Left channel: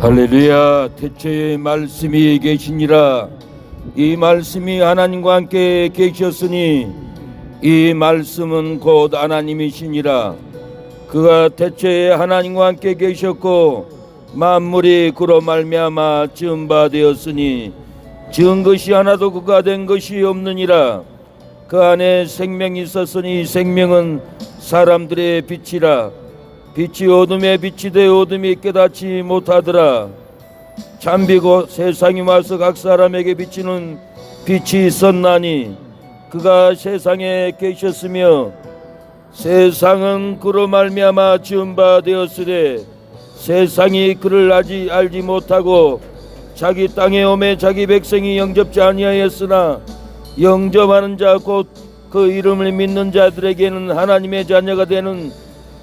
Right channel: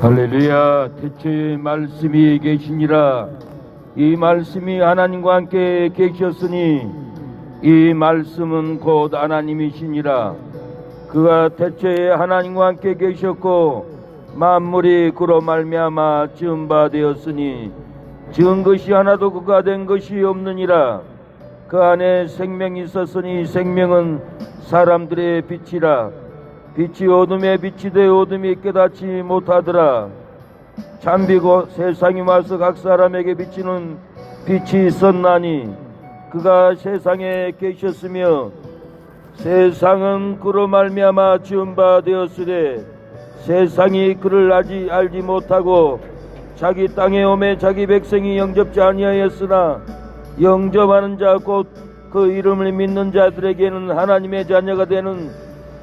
할렐루야. 태초에 말씀이 계시니라. 이 말씀이 하나님과 함께 계셨으니 이 말씀은 곧 하나님이시니라. 그가 태초에 하나님과 함께 계셨고 만물이 그로 말미암아 지은 바 되었으니 지은 것이 하나도 그가 된 것이 없느니라. 그 안에 생명이 있었으니 생명은 사람들의 빛이라. 빛이 어둠에 빛이 되어 어둠이 깨닫지 못하더라. 잠비고 세상이 와서 각 사람에게 비치는 빛이 있었나니 그가 세상에 계셨으며 세상은 그로 말미암아 지은 바 되었으되 세상이 그를 알지 못하고 자기 땅에 오매 자기 백성이 영접지 아니하였으나 영접하는 자 곧 그 이름을 믿는 자들에게는 하나님의 자녀가 되는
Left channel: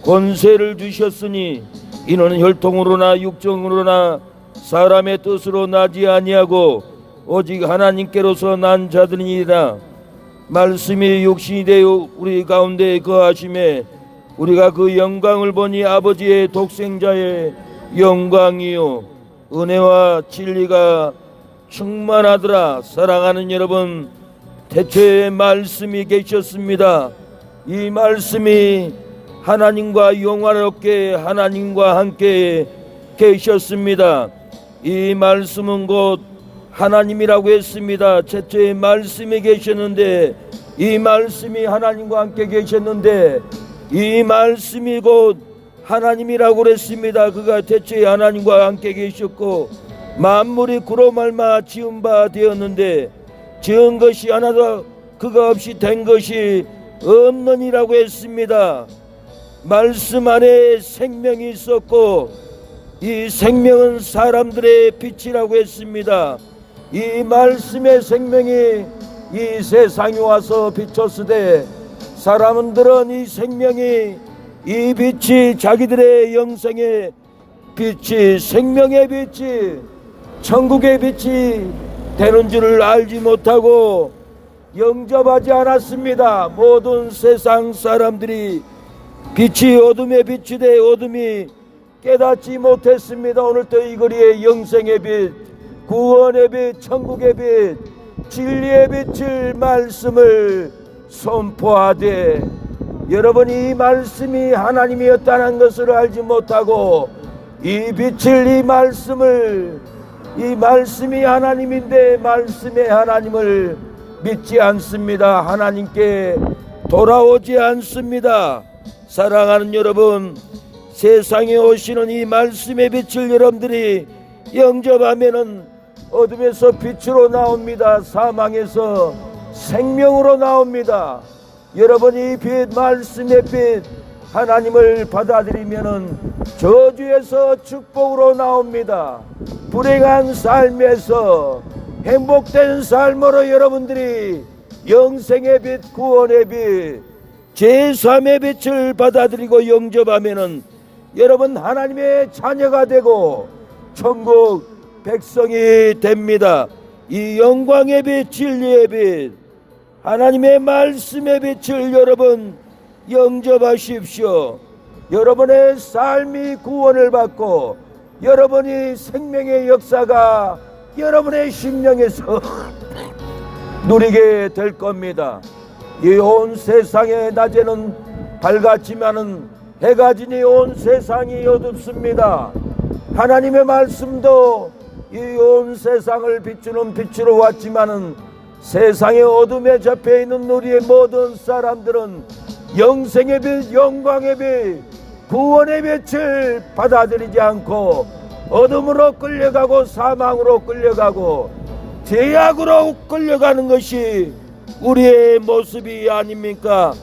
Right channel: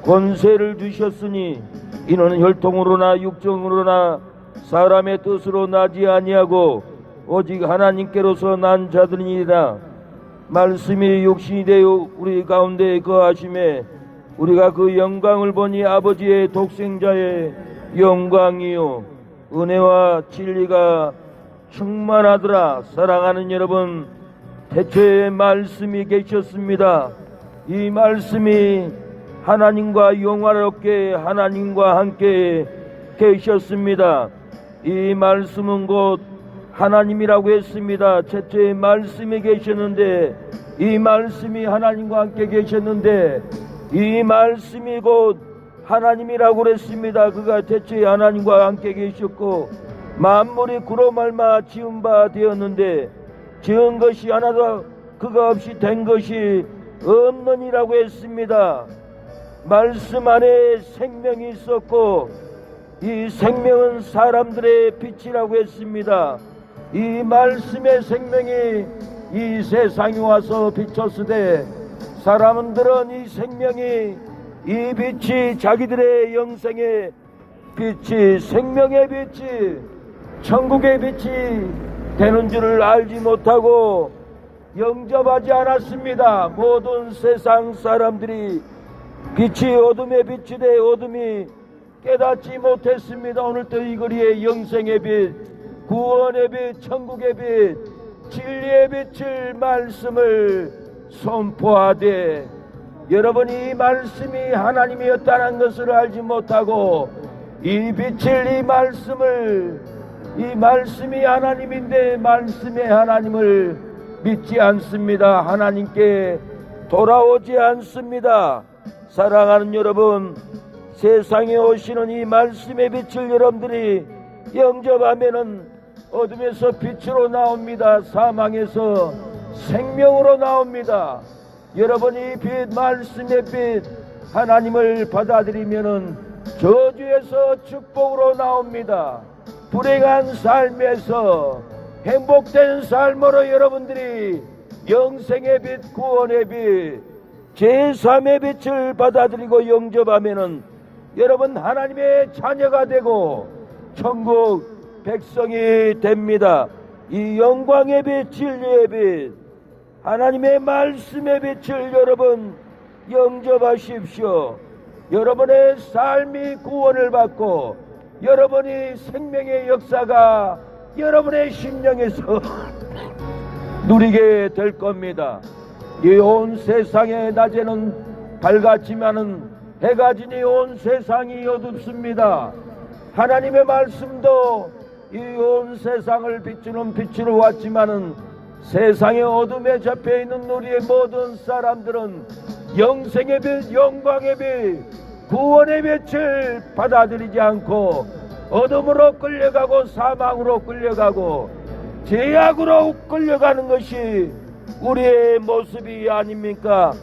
권세를 주셨으니 이는 혈통으로나 육정으로나 사람의 뜻으로 나지 아니하고 오직 하나님께로서 난 자들이니라. 말씀이 육신이 되어 우리 가운데 거하심에 우리가 그 영광을 보니 아버지의 독생자의 영광이요 은혜와 진리가 충만하더라. 사랑하는 여러분, 태초에 말씀이 계셨습니다. 이 말씀이 하나님과 영화롭게 하나님과 함께 계셨습니다. 이 말씀은 곧 하나님이라고 했습니다. 태초에 말씀이 계셨는데 이 말씀이 하나님과 함께 계셨는데 이 말씀이 곧 하나님이라고 그랬습니다. 그가 태초에 하나님과 함께 계셨고 만물이 그로 말미암아 지은 바 되었는데 지은 것이 하나도 그가 없이 된 것이 없느니라고 했습니다. 말씀 안에 생명이 있었고 이 생명은 사람들의 빛이라고 했습니다. 이 말씀의 생명이 이 세상에 와서 비쳤으되 사람들은 이 생명이 이 빛이 자기들의 영생의 빛이 생명의 빛이 천국의 빛이 되는 줄을 알지 못하고 영접하지 않았습니다. 모든 세상 사람들이 빛이 어둠의 빛이 돼 어둠이 깨닫지 못했습니다. 오늘도 이 거리에 영생의 빛, 구원의 빛, 천국의 빛, 진리의 빛을 말씀을 선포하되 여러분이 이 말씀이 하나님이었다는 것을 알지 못하고 이 빛을 이 말씀이 하나님인데 말씀의 하나님을 믿지 않습니다. 하나님께 돌아오지 않습니다. 사랑하는 여러분, 세상에 오시는 이 말씀의 빛을 여러분들이 영접하면은 어둠에서 빛으로 나옵니다. 사망에서 생명으로 나옵니다. 여러분이 이 빛, 말씀의 빛 하나님을 받아들이면은 저주에서 축복으로 나옵니다. 불행한 삶에서 행복된 삶으로 여러분들이 영생의 빛, 구원의 빛, 제3의 빛을 받아들이고 영접하면은 여러분 하나님의 자녀가 되고 천국 백성이 됩니다. 이 영광의 빛, 진리의 빛, 하나님의 말씀의 빛을 여러분 영접하십시오. 여러분의 삶이 구원을 받고 여러분이 생명의 역사가 여러분의 심령에서 누리게 될 겁니다. 이 온 세상의 낮에는 밝았지만은 해가 지니 온 세상이 어둡습니다. 하나님의 말씀도 이 온 세상을 비추는 빛으로 왔지만은 세상의 어둠에 접해있는 우리의 모든 사람들은 영생의 빛, 영광의 빛, 구원의 빛을 받아들이지 않고 어둠으로 끌려가고 사망으로 끌려가고 죄악으로 끌려가는 것이 우리의 모습이 아닙니까?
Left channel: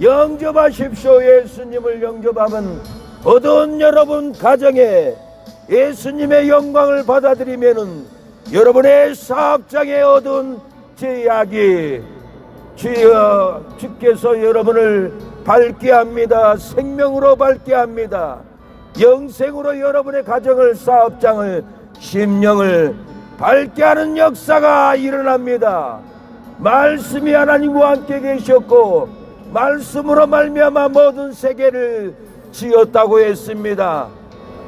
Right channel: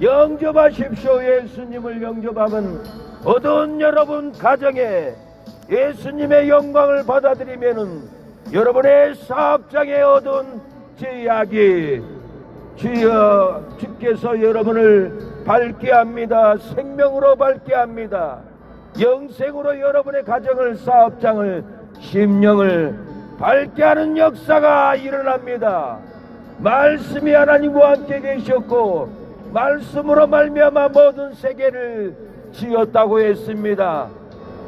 영접하십시오. 예수님을 영접하면 어두운 여러분 가정에 예수님의 영광을 받아들이면은 여러분의 사업장에 어두운 죄악이 주께서 여러분을 밝게 합니다. 생명으로 밝게 합니다. 영생으로 여러분의 가정을, 사업장을, 심령을 밝게 하는 역사가 일어납니다. 말씀이 하나님과 함께 계셨고 말씀으로 말미암아 모든 세계를 지었다고 했습니다.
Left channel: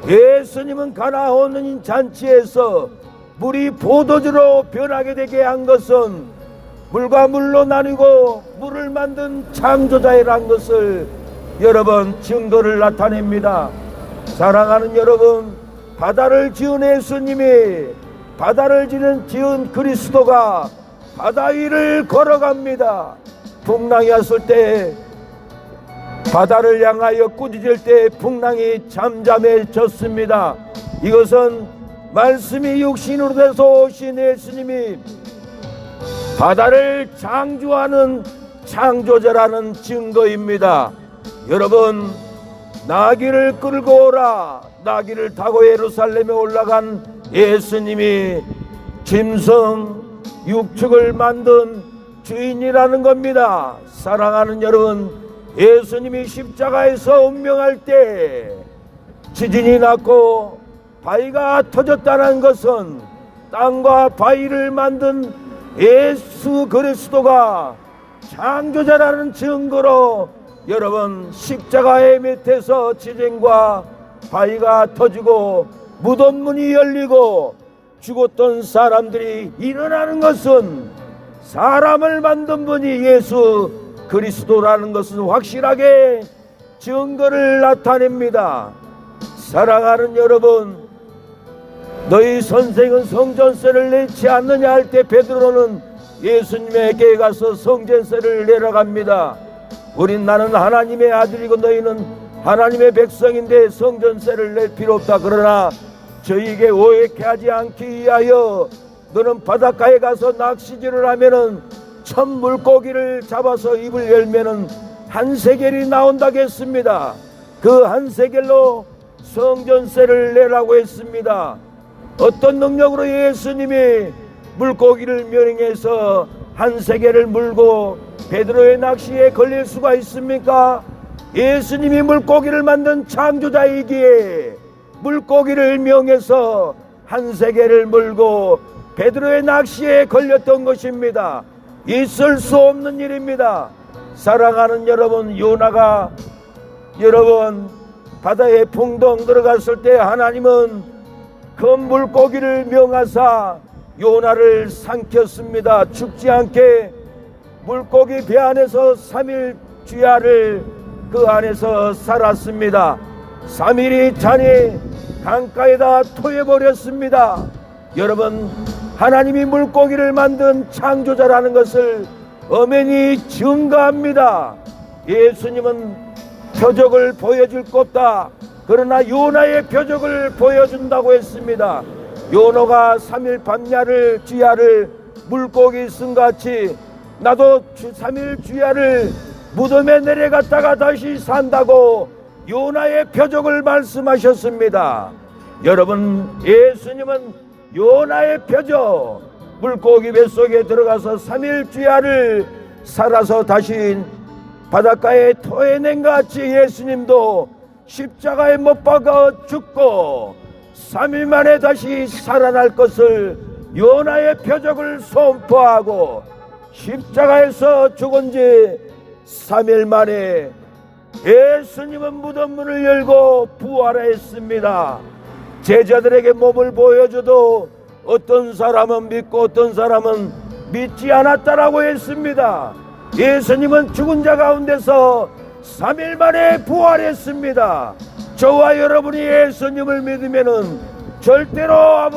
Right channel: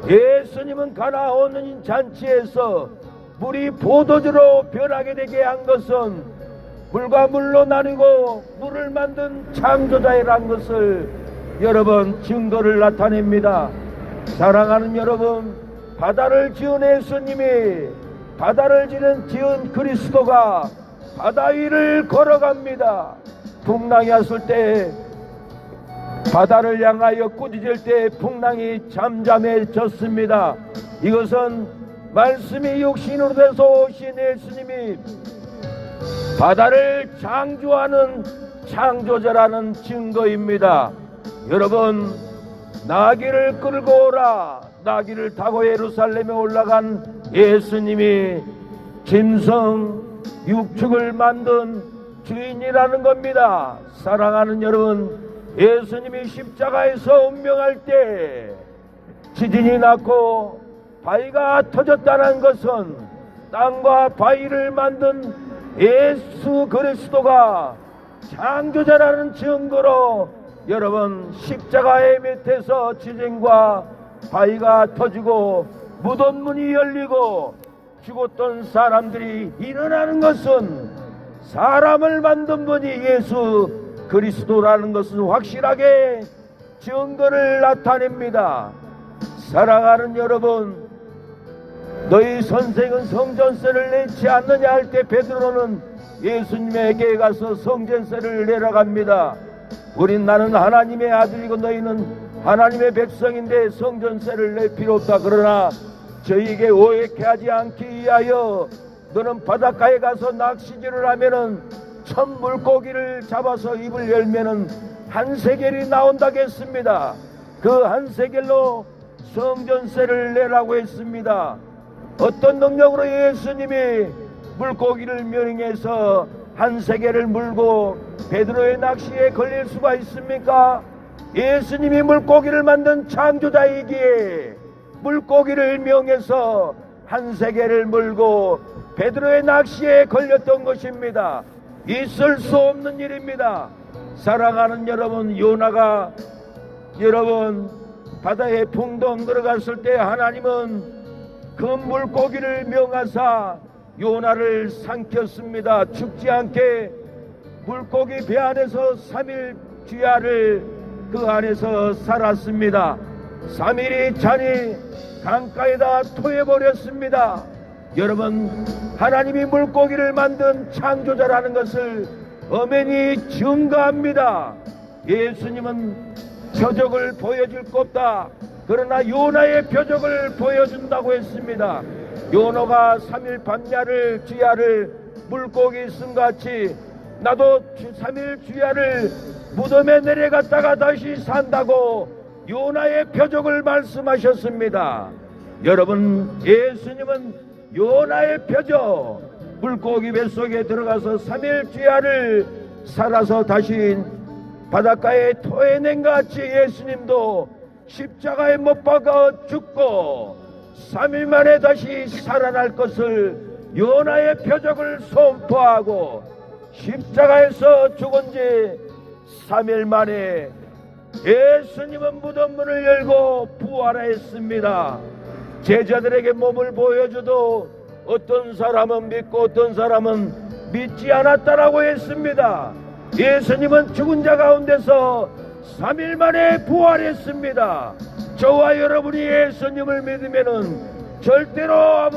예수님은 가나온 잔치에서 물이 포도주로 변하게 되게 한 것은 물과 물로 나뉘고 물을 만든 창조자이란 것을 여러분 증거를 나타냅니다. 사랑하는 여러분, 바다를 지은 예수님이 바다를 지은 그리스도가 바다 위를 걸어갑니다. 풍랑이 왔을 때 바다를 향하여 꾸짖을 때 풍랑이 잠잠해졌습니다. 이것은 말씀이 육신으로 돼서 오신 예수님이 바다를 창조하는 창조자라는 증거입니다. 여러분, 나귀를 끌고 오라. 나귀를 타고 예루살렘에 올라간 예수님이 짐승 육축을 만든 주인이라는 겁니다. 사랑하는 여러분, 예수님이 십자가에서 운명할 때 지진이 났고 바위가 터졌다는 것은 땅과 바위를 만든 예수 그리스도가 창조자라는 증거로 여러분, 십자가의 밑에서 지진과 바위가 터지고 무덤문이 열리고 죽었던 사람들이 일어나는 것은 사람을 만든 분이 예수 그리스도라는 것은 확실하게 증거를 나타냅니다. 사랑하는 여러분, 너희 선생은 성전세를 내지 않느냐 할 때 베드로는 예수님에게 가서 성전세를 내러 갑니다. 나는 하나님의 아들이고 너희는 하나님의 백성인데 성전세를 낼 필요 없다. 그러나 저희에게 오해케 하지 않기 위하여 너는 바닷가에 가서 낚시질을 하면은 천 물고기를 잡아서 입을 열면은 한 세겔이 나온다고 했습니다. 그 한 세겔로 성전세를 내라고 했습니다. 어떤 능력으로 예수님이 물고기를 명령해서 한 세겔을 물고 베드로의 낚시에 걸릴 수가 있습니까? 예수님이 물고기를 만든 창조자이기에 물고기를 명해서 한 세겔을 물고 베드로의 낚시에 걸렸던 것입니다. 있을 수 없는 일입니다. 사랑하는 여러분, 요나가 여러분 바다에 풍덩 들어갔을 때 하나님은 큰 물고기를 명하사 요나를 삼켰습니다. 죽지 않게 물고기 배 안에서 3일 주야를 그 안에서 살았습니다. 3일이 차니 강가에다 토해버렸습니다. 여러분, 하나님이 물고기를 만든 창조자라는 것을 엄연히 증거합니다. 예수님은 표적을 보여줄 것 없다. 그러나 요나의 표적을 보여준다고 했습니다. 요나가 3일 밤야를 주야를 물고기 쓴같이 나도 3일 주야를 무덤에 내려갔다가 다시 산다고 요나의 표적을 말씀하셨습니다. 여러분, 예수님은 요나의 표적, 물고기 뱃속에 들어가서 3일 주야를 살아서 다시 바닷가에 토해낸 것 같이 예수님도 십자가에 못 박아 죽고 3일 만에 다시 살아날 것을 요나의 표적을 선포하고 십자가에서 죽은 지 3일 만에 예수님은 무덤문을 열고 부활했습니다. 제자들에게 몸을 보여줘도 어떤 사람은 믿고 어떤 사람은 믿지 않았다라고 했습니다. 예수님은 죽은 자 가운데서 3일 만에 부활했습니다. 저와 여러분이 예수님을 믿으면은 절대로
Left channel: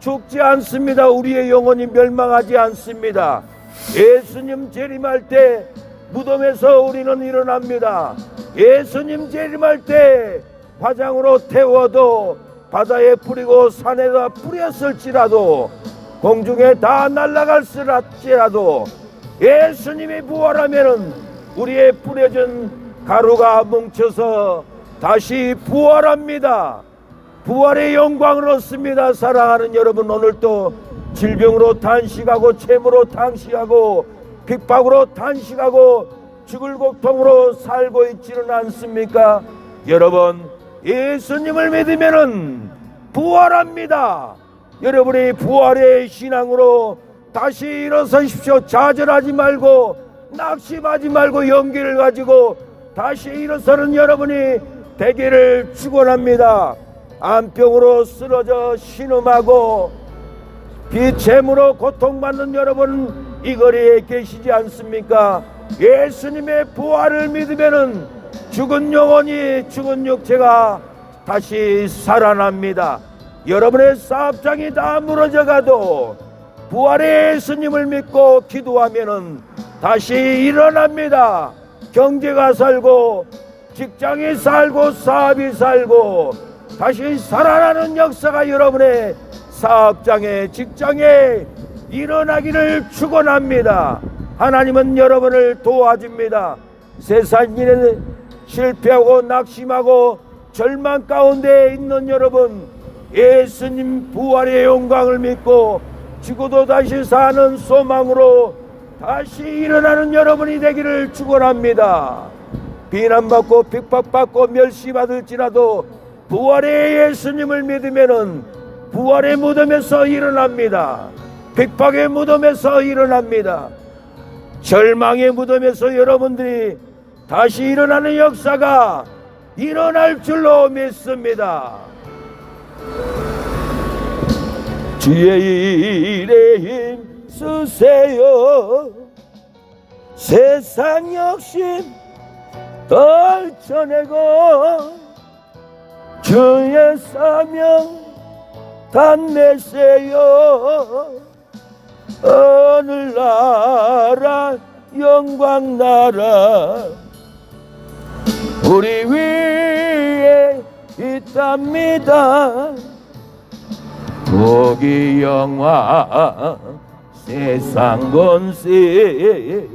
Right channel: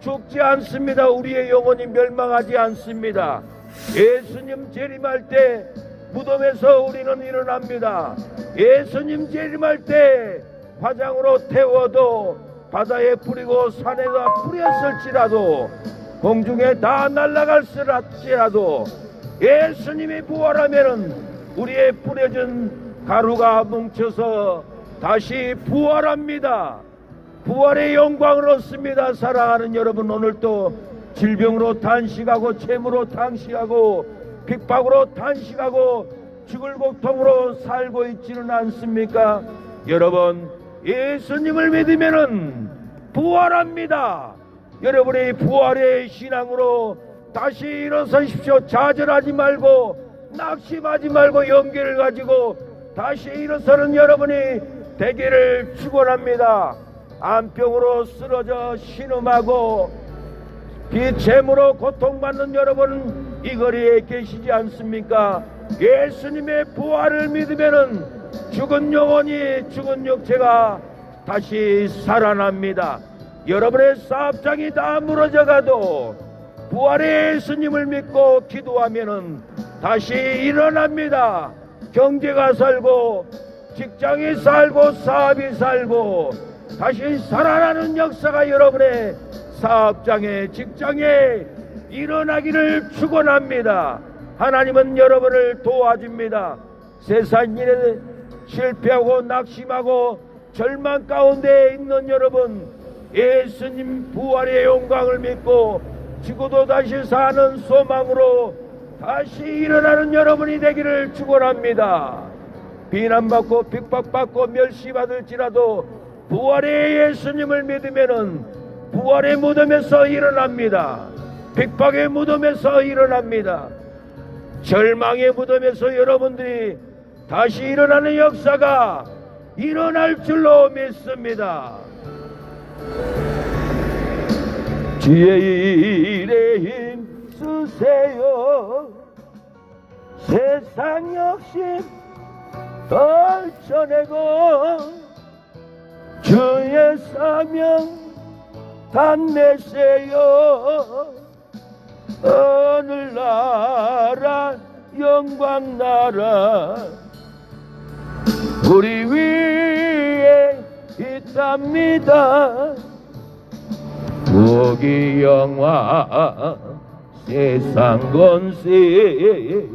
죽지 않습니다. 우리의 영혼이 멸망하지 않습니다. 예수님 재림할 때 무덤에서 우리는 일어납니다. 예수님 재림할 때 화장으로 태워도 바다에 뿌리고 산에다 뿌렸을지라도 공중에 다 날아갈지라도 예수님이 부활하면은 우리의 뿌려진 가루가 뭉쳐서 다시 부활합니다. 부활의 영광을 얻습니다. 사랑하는 여러분, 오늘도 질병으로 탄식하고 채무로 탄식하고 핍박으로 탄식하고 죽을 고통으로 살고 있지는 않습니까? 여러분, 예수님을 믿으면은 부활합니다. 여러분의 부활의 신앙으로 다시 일어서십시오. 좌절하지 말고 낙심하지 말고 용기를 가지고 다시 일어서는 여러분이 되기를 축원합니다. 암병으로 쓰러져 신음하고 비체무로 고통받는 여러분 이 거리에 계시지 않습니까? 예수님의 부활을 믿으면은 죽은 영혼이 죽은 육체가 다시 살아납니다. 여러분의 사업장이 다 무너져가도 부활의 예수님을 믿고 기도하면은 다시 일어납니다. 경제가 살고 직장이 살고 사업이 살고 다시 살아나는 역사가 여러분의 사업장에 직장에 일어나기를 축원합니다. 하나님은 여러분을 도와줍니다. 세상 일에 실패하고 낙심하고 절망 가운데 있는 여러분, 예수님 부활의 영광을 믿고 죽어도 다시 사는 소망으로 다시 일어나는 여러분이 되기를 축원합니다. 비난받고 핍박받고 멸시받을지라도 부활의 예수님을 믿으면은 부활의 무덤에서 일어납니다. 핍박의 무덤에서 일어납니다. 절망의 무덤에서 여러분들이 다시 일어나는 역사가 일어날 줄로 믿습니다. 주의 일에 힘쓰세요. 세상 욕심 떨쳐내고 주의 사명 단내세요. 하늘나라 영광나라 우리 위에 있답니다. 복이 영화 세상 권세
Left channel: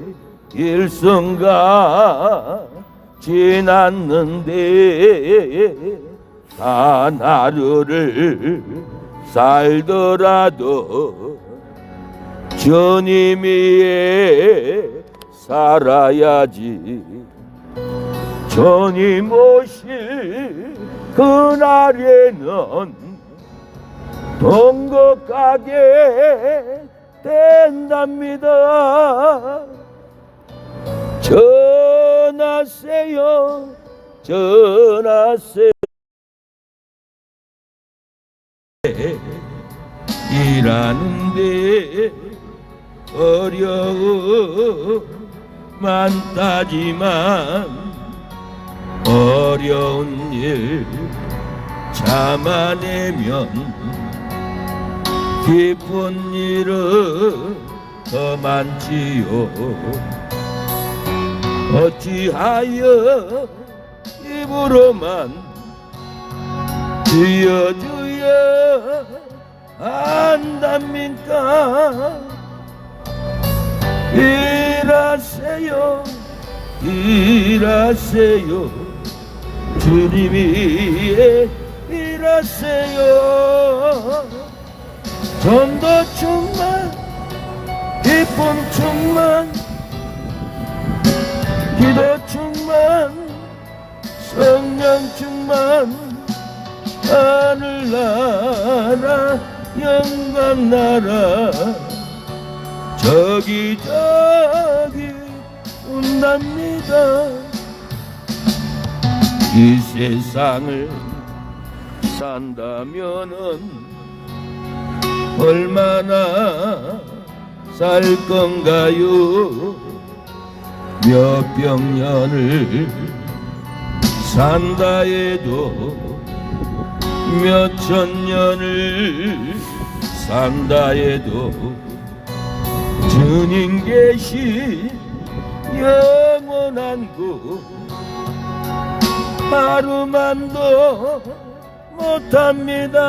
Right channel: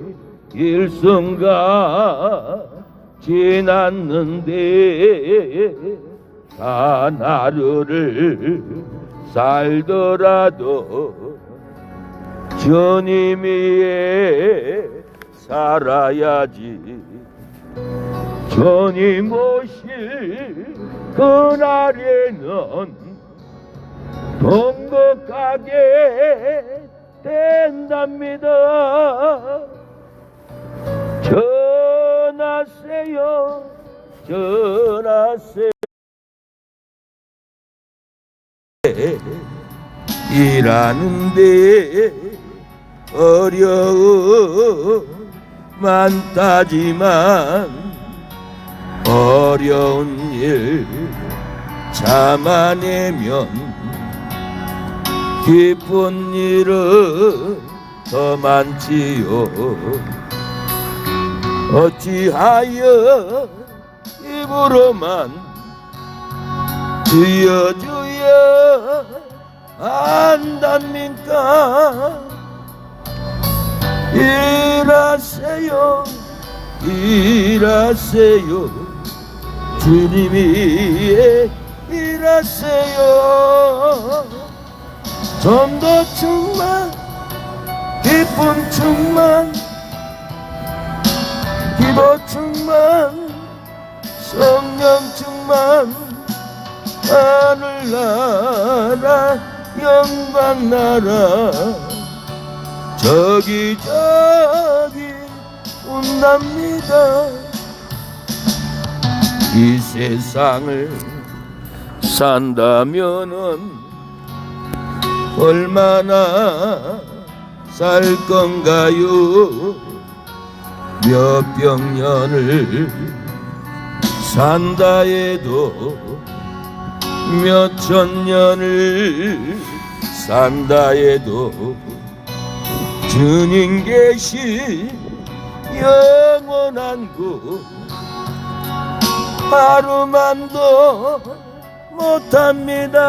일순간 지났는데 단 하루를 살더라도 주님 위에 살아야지. 주님 오실 그날에는 통곡하게 된답니다. 전하세요 전하세요. 일하는데 어려움 많다지만 어려운 일 참아내면 기쁜 일은 더 많지요. 어찌하여 입으로만 주여 주여 안답니까? 일하세요 일하세요 주님 위에 일하세요. 좀 더 충만 기쁨 충만 기도 충만 성령 충만 하늘나라 영광나라 저기 온답니다. 이 세상을 산다면은 얼마나 살 건가요? 몇 병년을 산다 해도 몇 천년을 산다 해도 주님 계신 영원한 곳 하루만도 못합니다.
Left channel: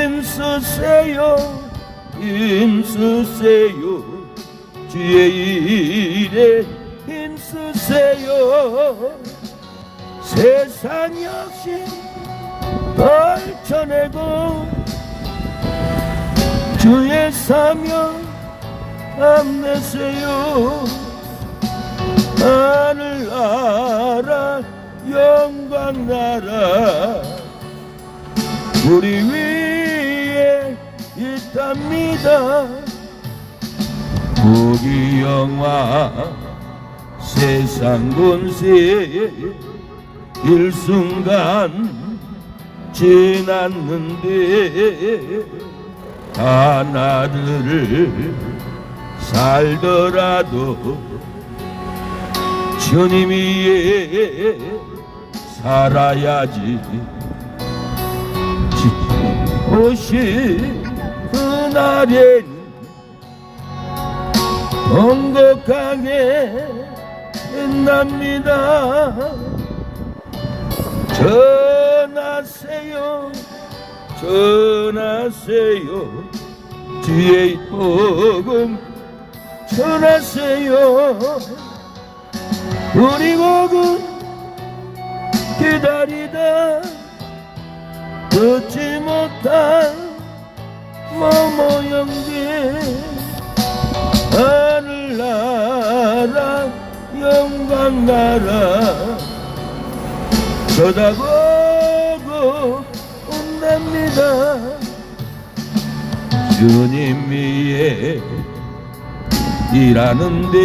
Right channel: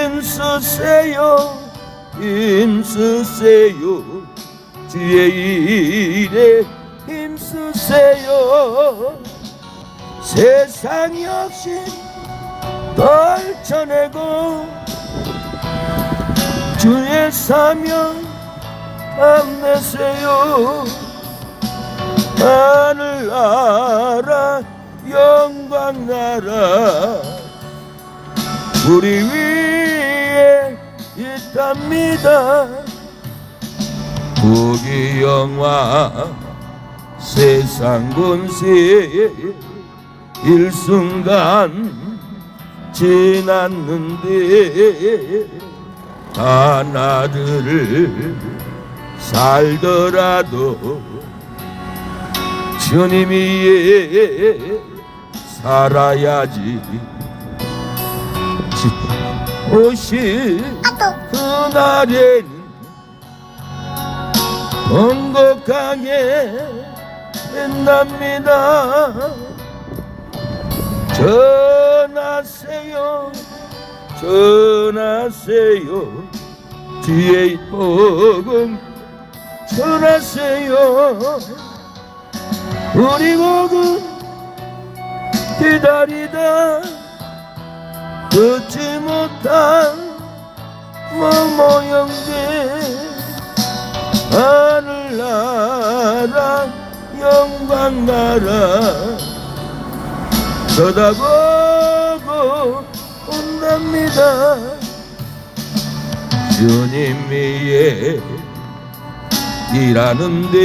힘쓰세요 힘쓰세요 주의 일에 힘쓰세요. 세상 욕심 떨쳐내고 주의 사명 안내세요. 하늘나라 영광나라 우리 위에 있답니다. 우리 영화 세상 권세 일순간 지났는데 하나들을 살더라도 주님 위에 살아야지. 오실 그날에는 행복하게 된답니다. 전하세요 전하세요 주의 복음 전하세요. 우리 복음 기다리다 듣지 못한 모모형들 하늘나라 영광나라 쳐다보고 온답니다. 주님 위에 일하는데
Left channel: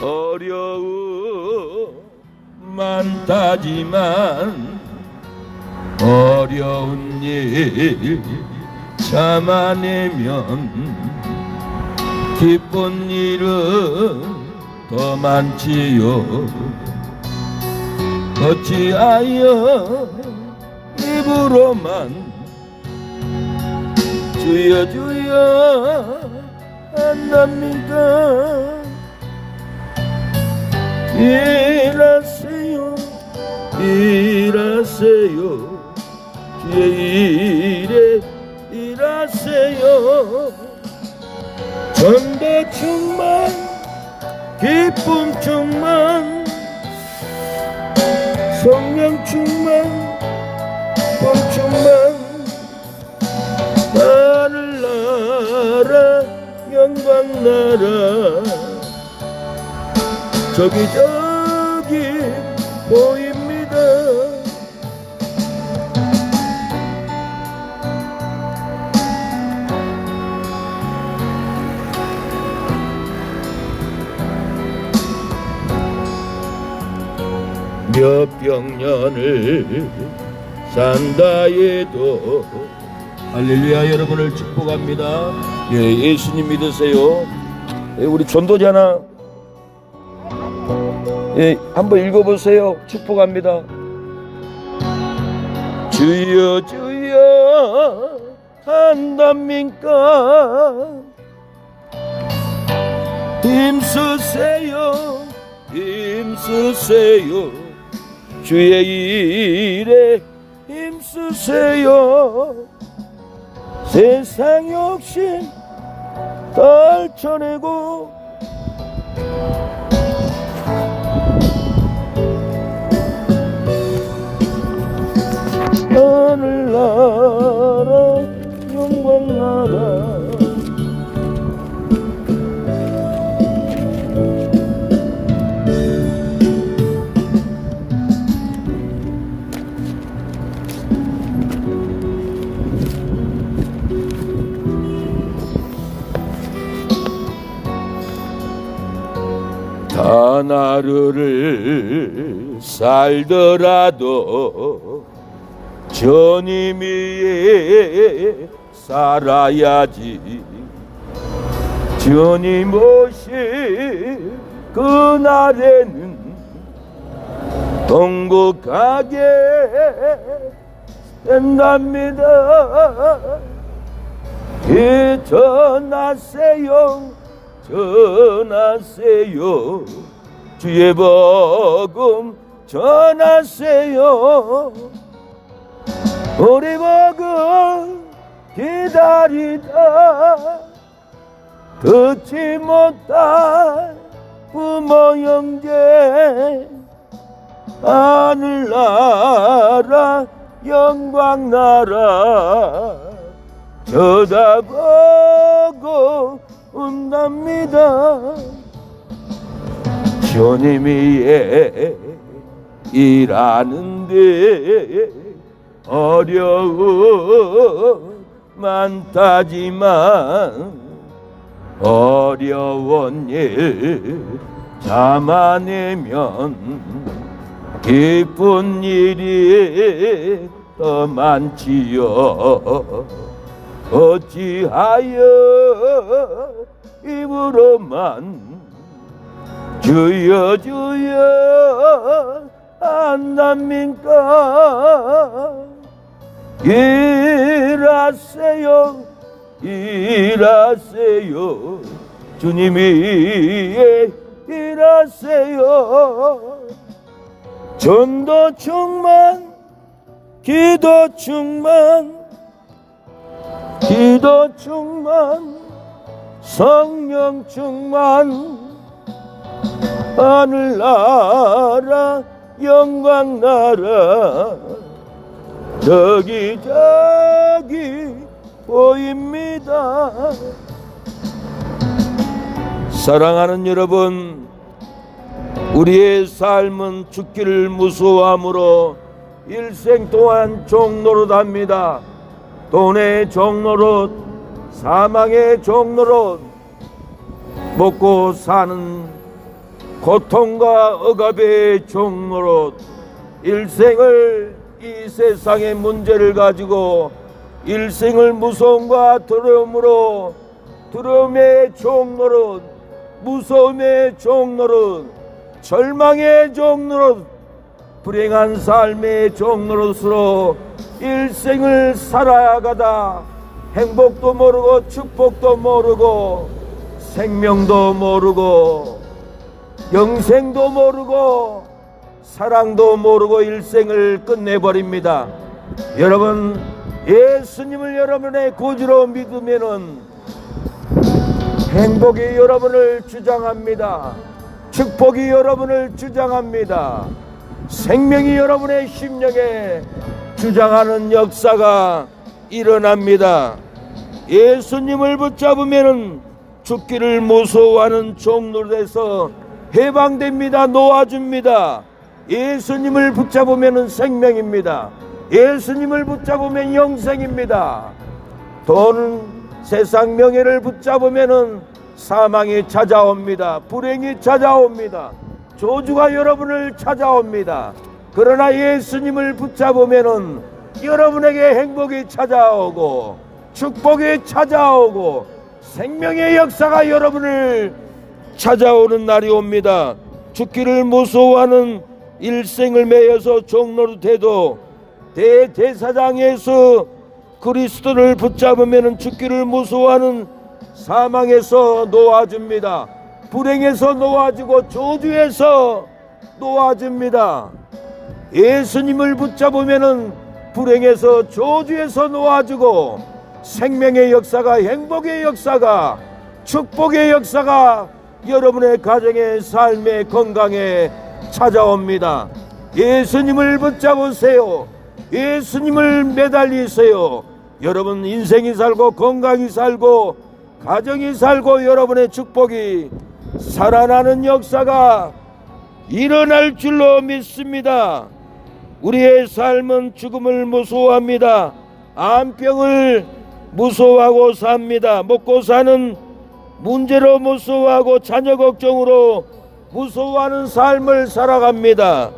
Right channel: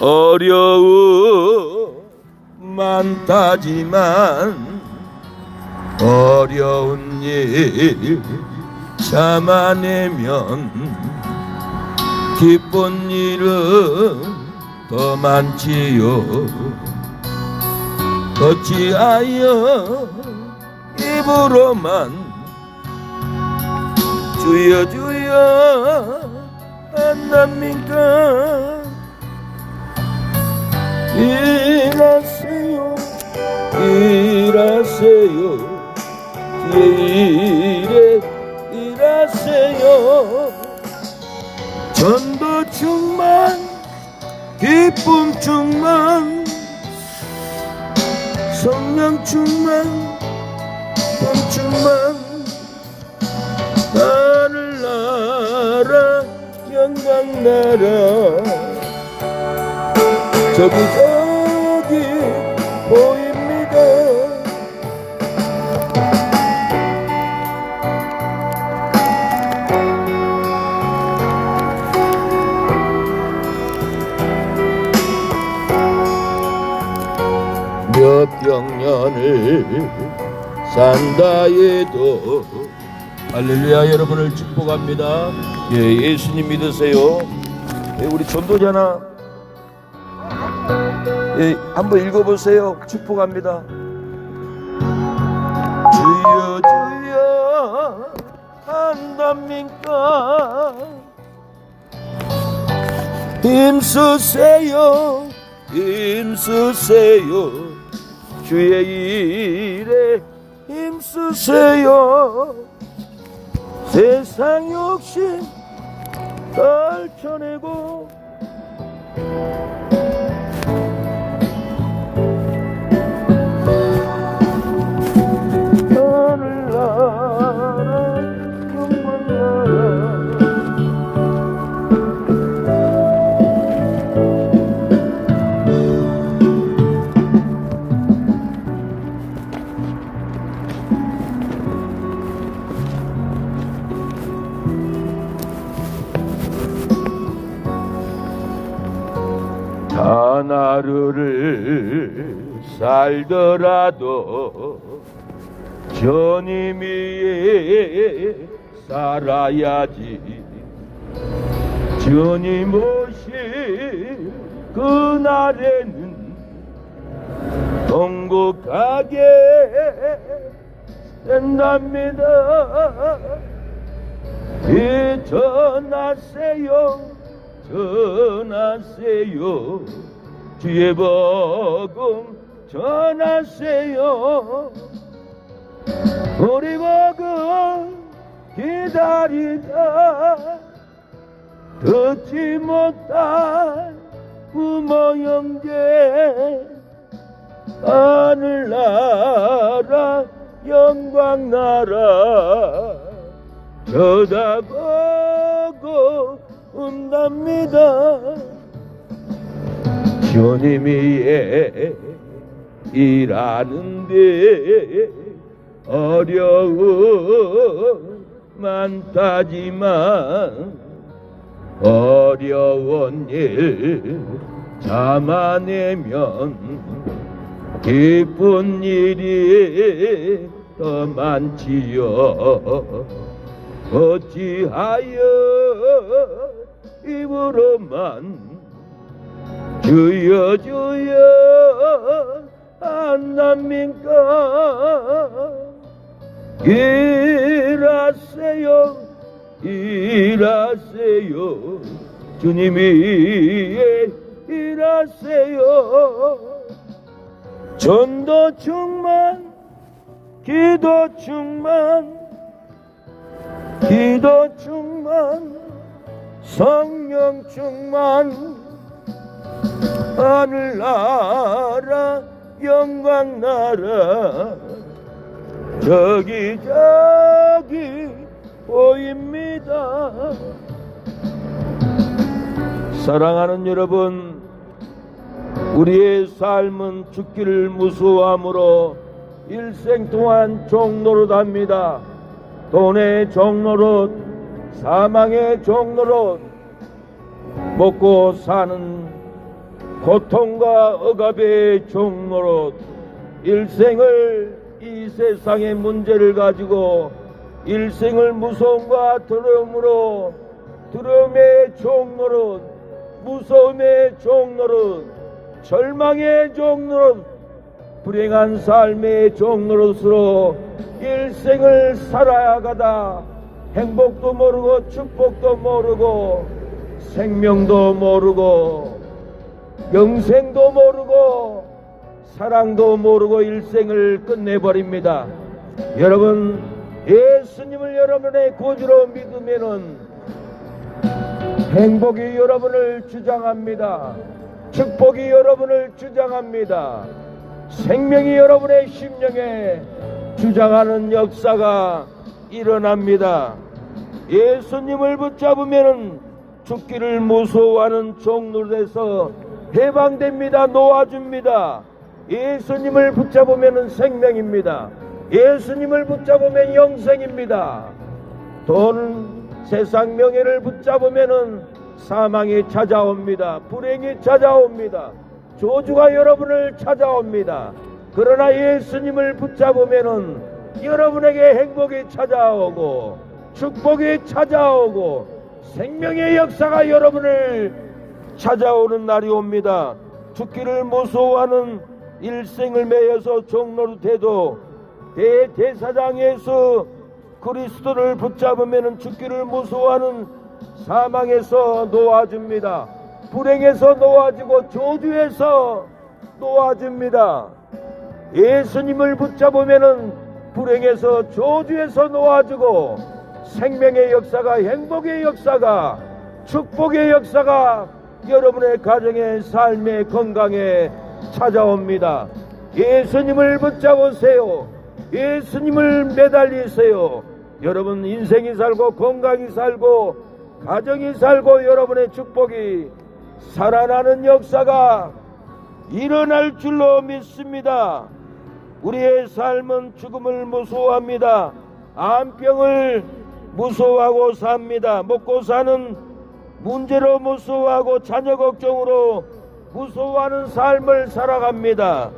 어려움 많다지만 어려운 일 참아내면 기쁜 일은 더 많지요. 어찌하여 입으로만 주여 주여 한답니까? 일하세요 일하세요 주의 일에 일하세요. 전도 충만 기쁨 충만 성령 충만 돈 충만 하늘나라 영광나라 저기 보입니다. 몇백 년을 산다 해도 할렐루야. 여러분을 축복합니다. 예, 예수님 믿으세요. 예, 우리 전도자나 예, 한번 읽어보세요. 축복합니다. 주여 주여 한답니까? 힘쓰세요 힘쓰세요 주의 일에 힘쓰세요. 세상 욕심 떨쳐내고 하늘나라 영광나라 하루를 살더라도 주님 위에 살아야지. 주님 오실 그날에는 행복하게 된답니다. 이 전하세요 전하세요 주의 복음 전하세요. 우리 복음 기다리다 듣지 못할 부모 형제 하늘나라 영광나라 쳐다보고 온답니다. 주님 위에 일하는데 어려움 많다지만 어려운 일 참아내면 기쁜 일이 더 많지요. 어찌하여 입으로만 주여 주여 안납니까? 일하세요 일하세요 주님이 일하세요. 전도 충만 기도 충만 기도 충만 성령 충만 하늘나라 영광나라 저기 보입니다. 사랑하는 여러분, 우리의 삶은 죽기를 무서워함으로 일생 동안 종노릇합니다. 돈의 종노릇, 사망의 종노릇, 먹고 사는 고통과 억압의 종노릇, 일생을 이 세상의 문제를 가지고 일생을 무서움과 두려움으로, 두려움의 종노릇, 무서움의 종노릇, 절망의 종노릇, 불행한 삶의 종노릇으로 일생을 살아가다 행복도 모르고 축복도 모르고 생명도 모르고 영생도 모르고 사랑도 모르고 일생을 끝내버립니다. 여러분, 예수님을 여러분의 구주로 믿으면은 행복이 여러분을 주장합니다. 축복이 여러분을 주장합니다. 생명이 여러분의 심령에 주장하는 역사가 일어납니다. 예수님을 붙잡으면은 죽기를 무서워하는 종노릇에서 해방됩니다. 놓아줍니다. 예수님을 붙잡으면은 생명입니다. 예수님을 붙잡으면 영생입니다. 돈, 세상 명예를 붙잡으면은 사망이 찾아옵니다. 불행이 찾아옵니다. 저주가 여러분을 찾아옵니다. 그러나 예수님을 붙잡으면은 여러분에게 행복이 찾아오고 축복이 찾아오고 생명의 역사가 여러분을 찾아오는 날이 옵니다. 죽기를 무서워하는 일생을 매여서 종노릇해도 대제사장 예수 그리스도를 붙잡으면 죽기를 무서워하는 사망에서 놓아줍니다. 불행에서 놓아주고 저주에서 놓아줍니다. 예수님을 붙잡으면 불행에서 저주에서 놓아주고 생명의 역사가, 행복의 역사가, 축복의 역사가 여러분의 가정의 삶의 건강에 찾아옵니다. 예수님을 붙잡으세요. 예수님을 매달리세요. 여러분 인생이 살고 건강이 살고 가정이 살고 여러분의 축복이 살아나는 역사가 일어날 줄로 믿습니다. 우리의 삶은 죽음을 무서워합니다. 암병을 무서워하고 삽니다. 먹고 사는 문제로 무서워하고 자녀 걱정으로 무서워하는 삶을 살아갑니다.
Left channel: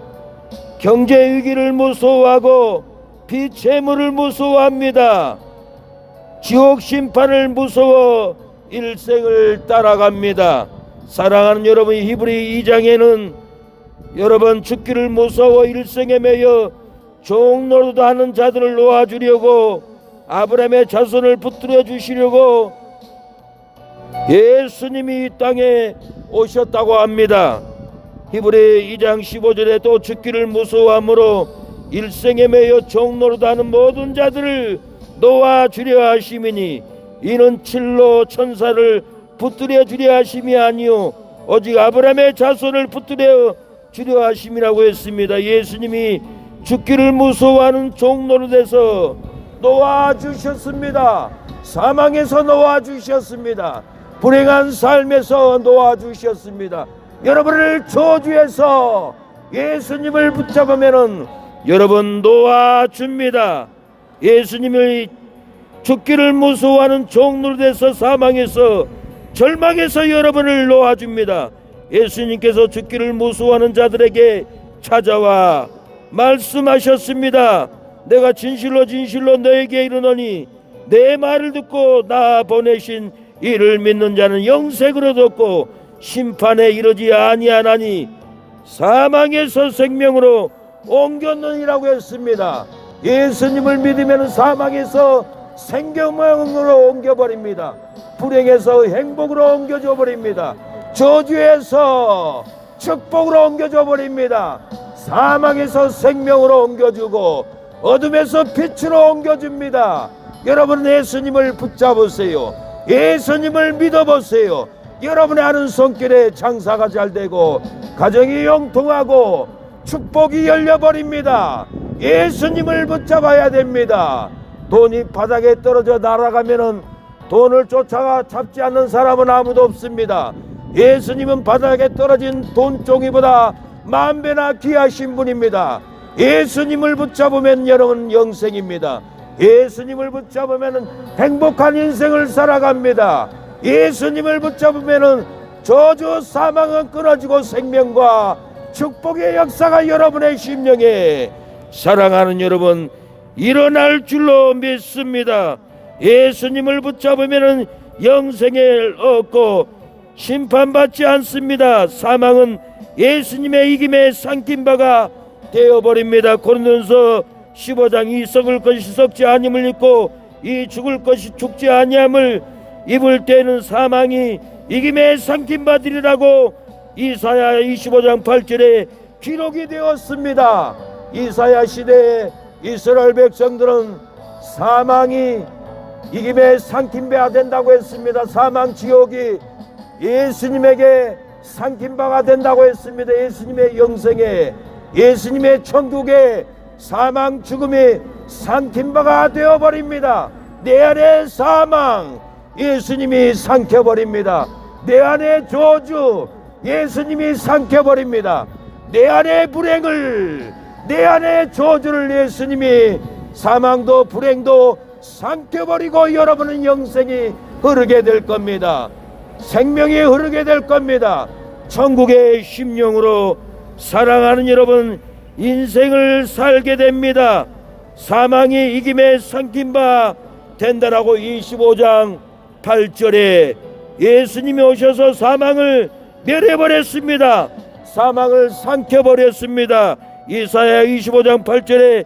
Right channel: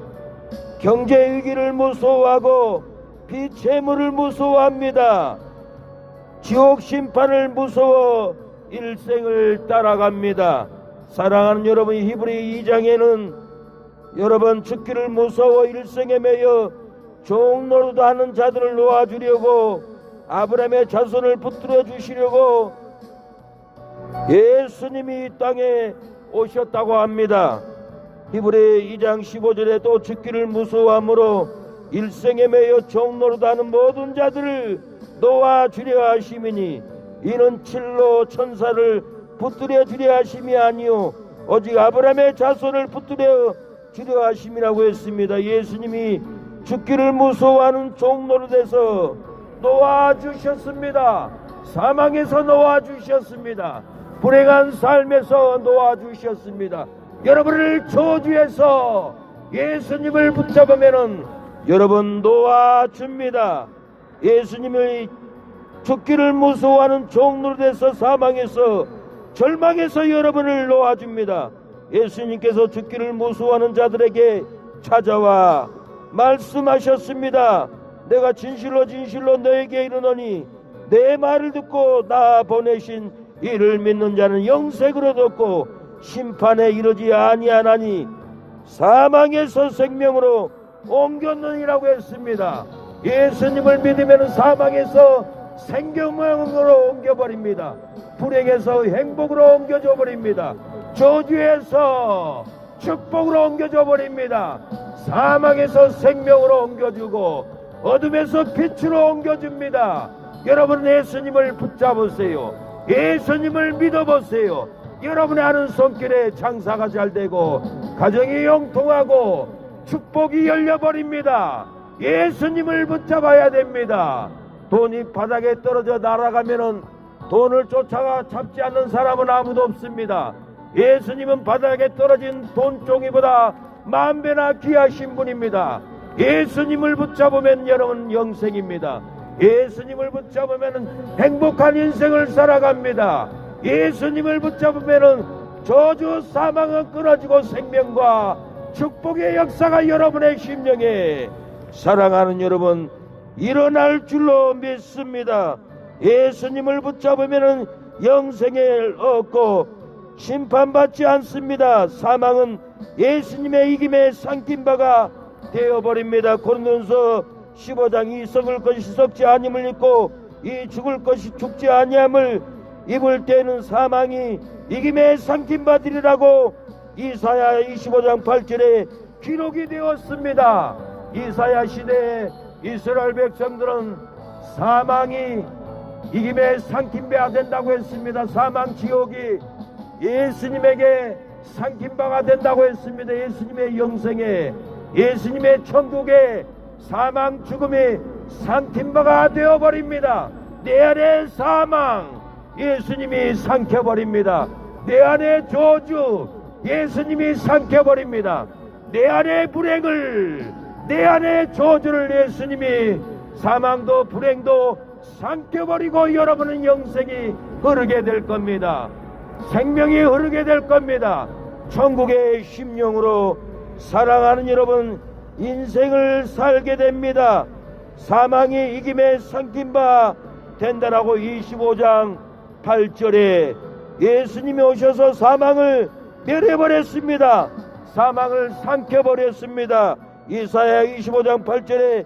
경제 위기를 무서워하고 비채무를 무서워합니다. 지옥 심판을 무서워 일생을 따라갑니다. 사랑하는 여러분, 히브리 2장에는 여러분 죽기를 무서워 일생에 매여 종노릇하는 자들을 놓아주려고 아브라함의 자손을 붙들어 주시려고 예수님이 이 땅에 오셨다고 합니다. 히브리 2장 15절에 또 죽기를 무서워함으로 일생에 매여 종노릇하는 모든 자들을 놓아주려 하심이니 이는 칠로 천사를 붙들어 주려 하심이 아니요 오직 아브라함의 자손을 붙들어 주려 하심이라고 했습니다. 예수님이 죽기를 무서워하는 종노릇에서 놓아주셨습니다. 사망에서 놓아주셨습니다. 불행한 삶에서 놓아주셨습니다. 여러분을 저주해서 예수님을 붙잡으면은 여러분 놓아줍니다. 예수님을 죽기를 무서워하는 종노릇에서 사망에서 절망에서 여러분을 놓아줍니다. 예수님께서 죽기를 무서워하는 자들에게 찾아와 말씀하셨습니다. 내가 진실로 진실로 너에게 이르노니 내 말을 듣고 나 보내신 이를 믿는 자는 영생을 얻었고 심판에 이르지 아니하나니 사망에서 생명으로 옮겼느니라고 했습니다. 예수님을 믿으면 사망에서 생명으로 옮겨버립니다. 불행에서 행복으로 옮겨져 버립니다. 저주에서 축복으로 옮겨져 버립니다. 사망에서 생명으로 옮겨주고 어둠에서 빛으로 옮겨줍니다. 여러분 예수님을 붙잡으세요. 예수님을 믿어보세요. 여러분의 하는 손길에 장사가 잘 되고 가정이 영통하고 축복이 열려버립니다. 예수님을 붙잡아야 됩니다. 돈이 바닥에 떨어져 날아가면은 돈을 쫓아가 잡지 않는 사람은 아무도 없습니다. 예수님은 바닥에 떨어진 돈종이보다 만배나 귀하신 분입니다. 예수님을 붙잡으면 여러분 영생입니다. 예수님을 붙잡으면 행복한 인생을 살아갑니다. 예수님을 붙잡으면 저주 사망은 끊어지고 생명과 축복의 역사가 여러분의 심령에 사랑하는 여러분 일어날 줄로 믿습니다. 예수님을 붙잡으면 영생을 얻고 심판받지 않습니다. 사망은 예수님의 이김에 삼킨 바가 되어버립니다. 고린도전서 15장 이 썩을 것이 썩지 아니함을 입고 이 죽을 것이 죽지 아니함을 입을 때는 사망이 이김에 삼킨 바 되리라고 이사야 25장 8절에 기록이 되었습니다. 이사야 시대에 이스라엘 백성들은 사망이 이김에 삼킨 바가 된다고 했습니다. 사망 지옥이 예수님에게 삼킨 바가 된다고 했습니다. 예수님의 영생에 예수님의 천국에 사망 죽음이 삼킨 바가 되어버립니다. 내 안에 사망 예수님이 삼켜버립니다. 내 안에 저주 예수님이 삼켜버립니다. 내 안에 불행을 내 안에 저주를 예수님이 사망도 불행도 삼켜버리고 여러분은 영생이 흐르게 될 겁니다. 생명이 흐르게 될 겁니다. 천국의 심령으로 사랑하는 여러분 인생을 살게 됩니다. 사망이 이김에 삼킨 바 된다라고 25장 8절에 예수님이 오셔서 사망을 멸해버렸습니다. 사망을 삼켜버렸습니다. 이사야 25장 8절에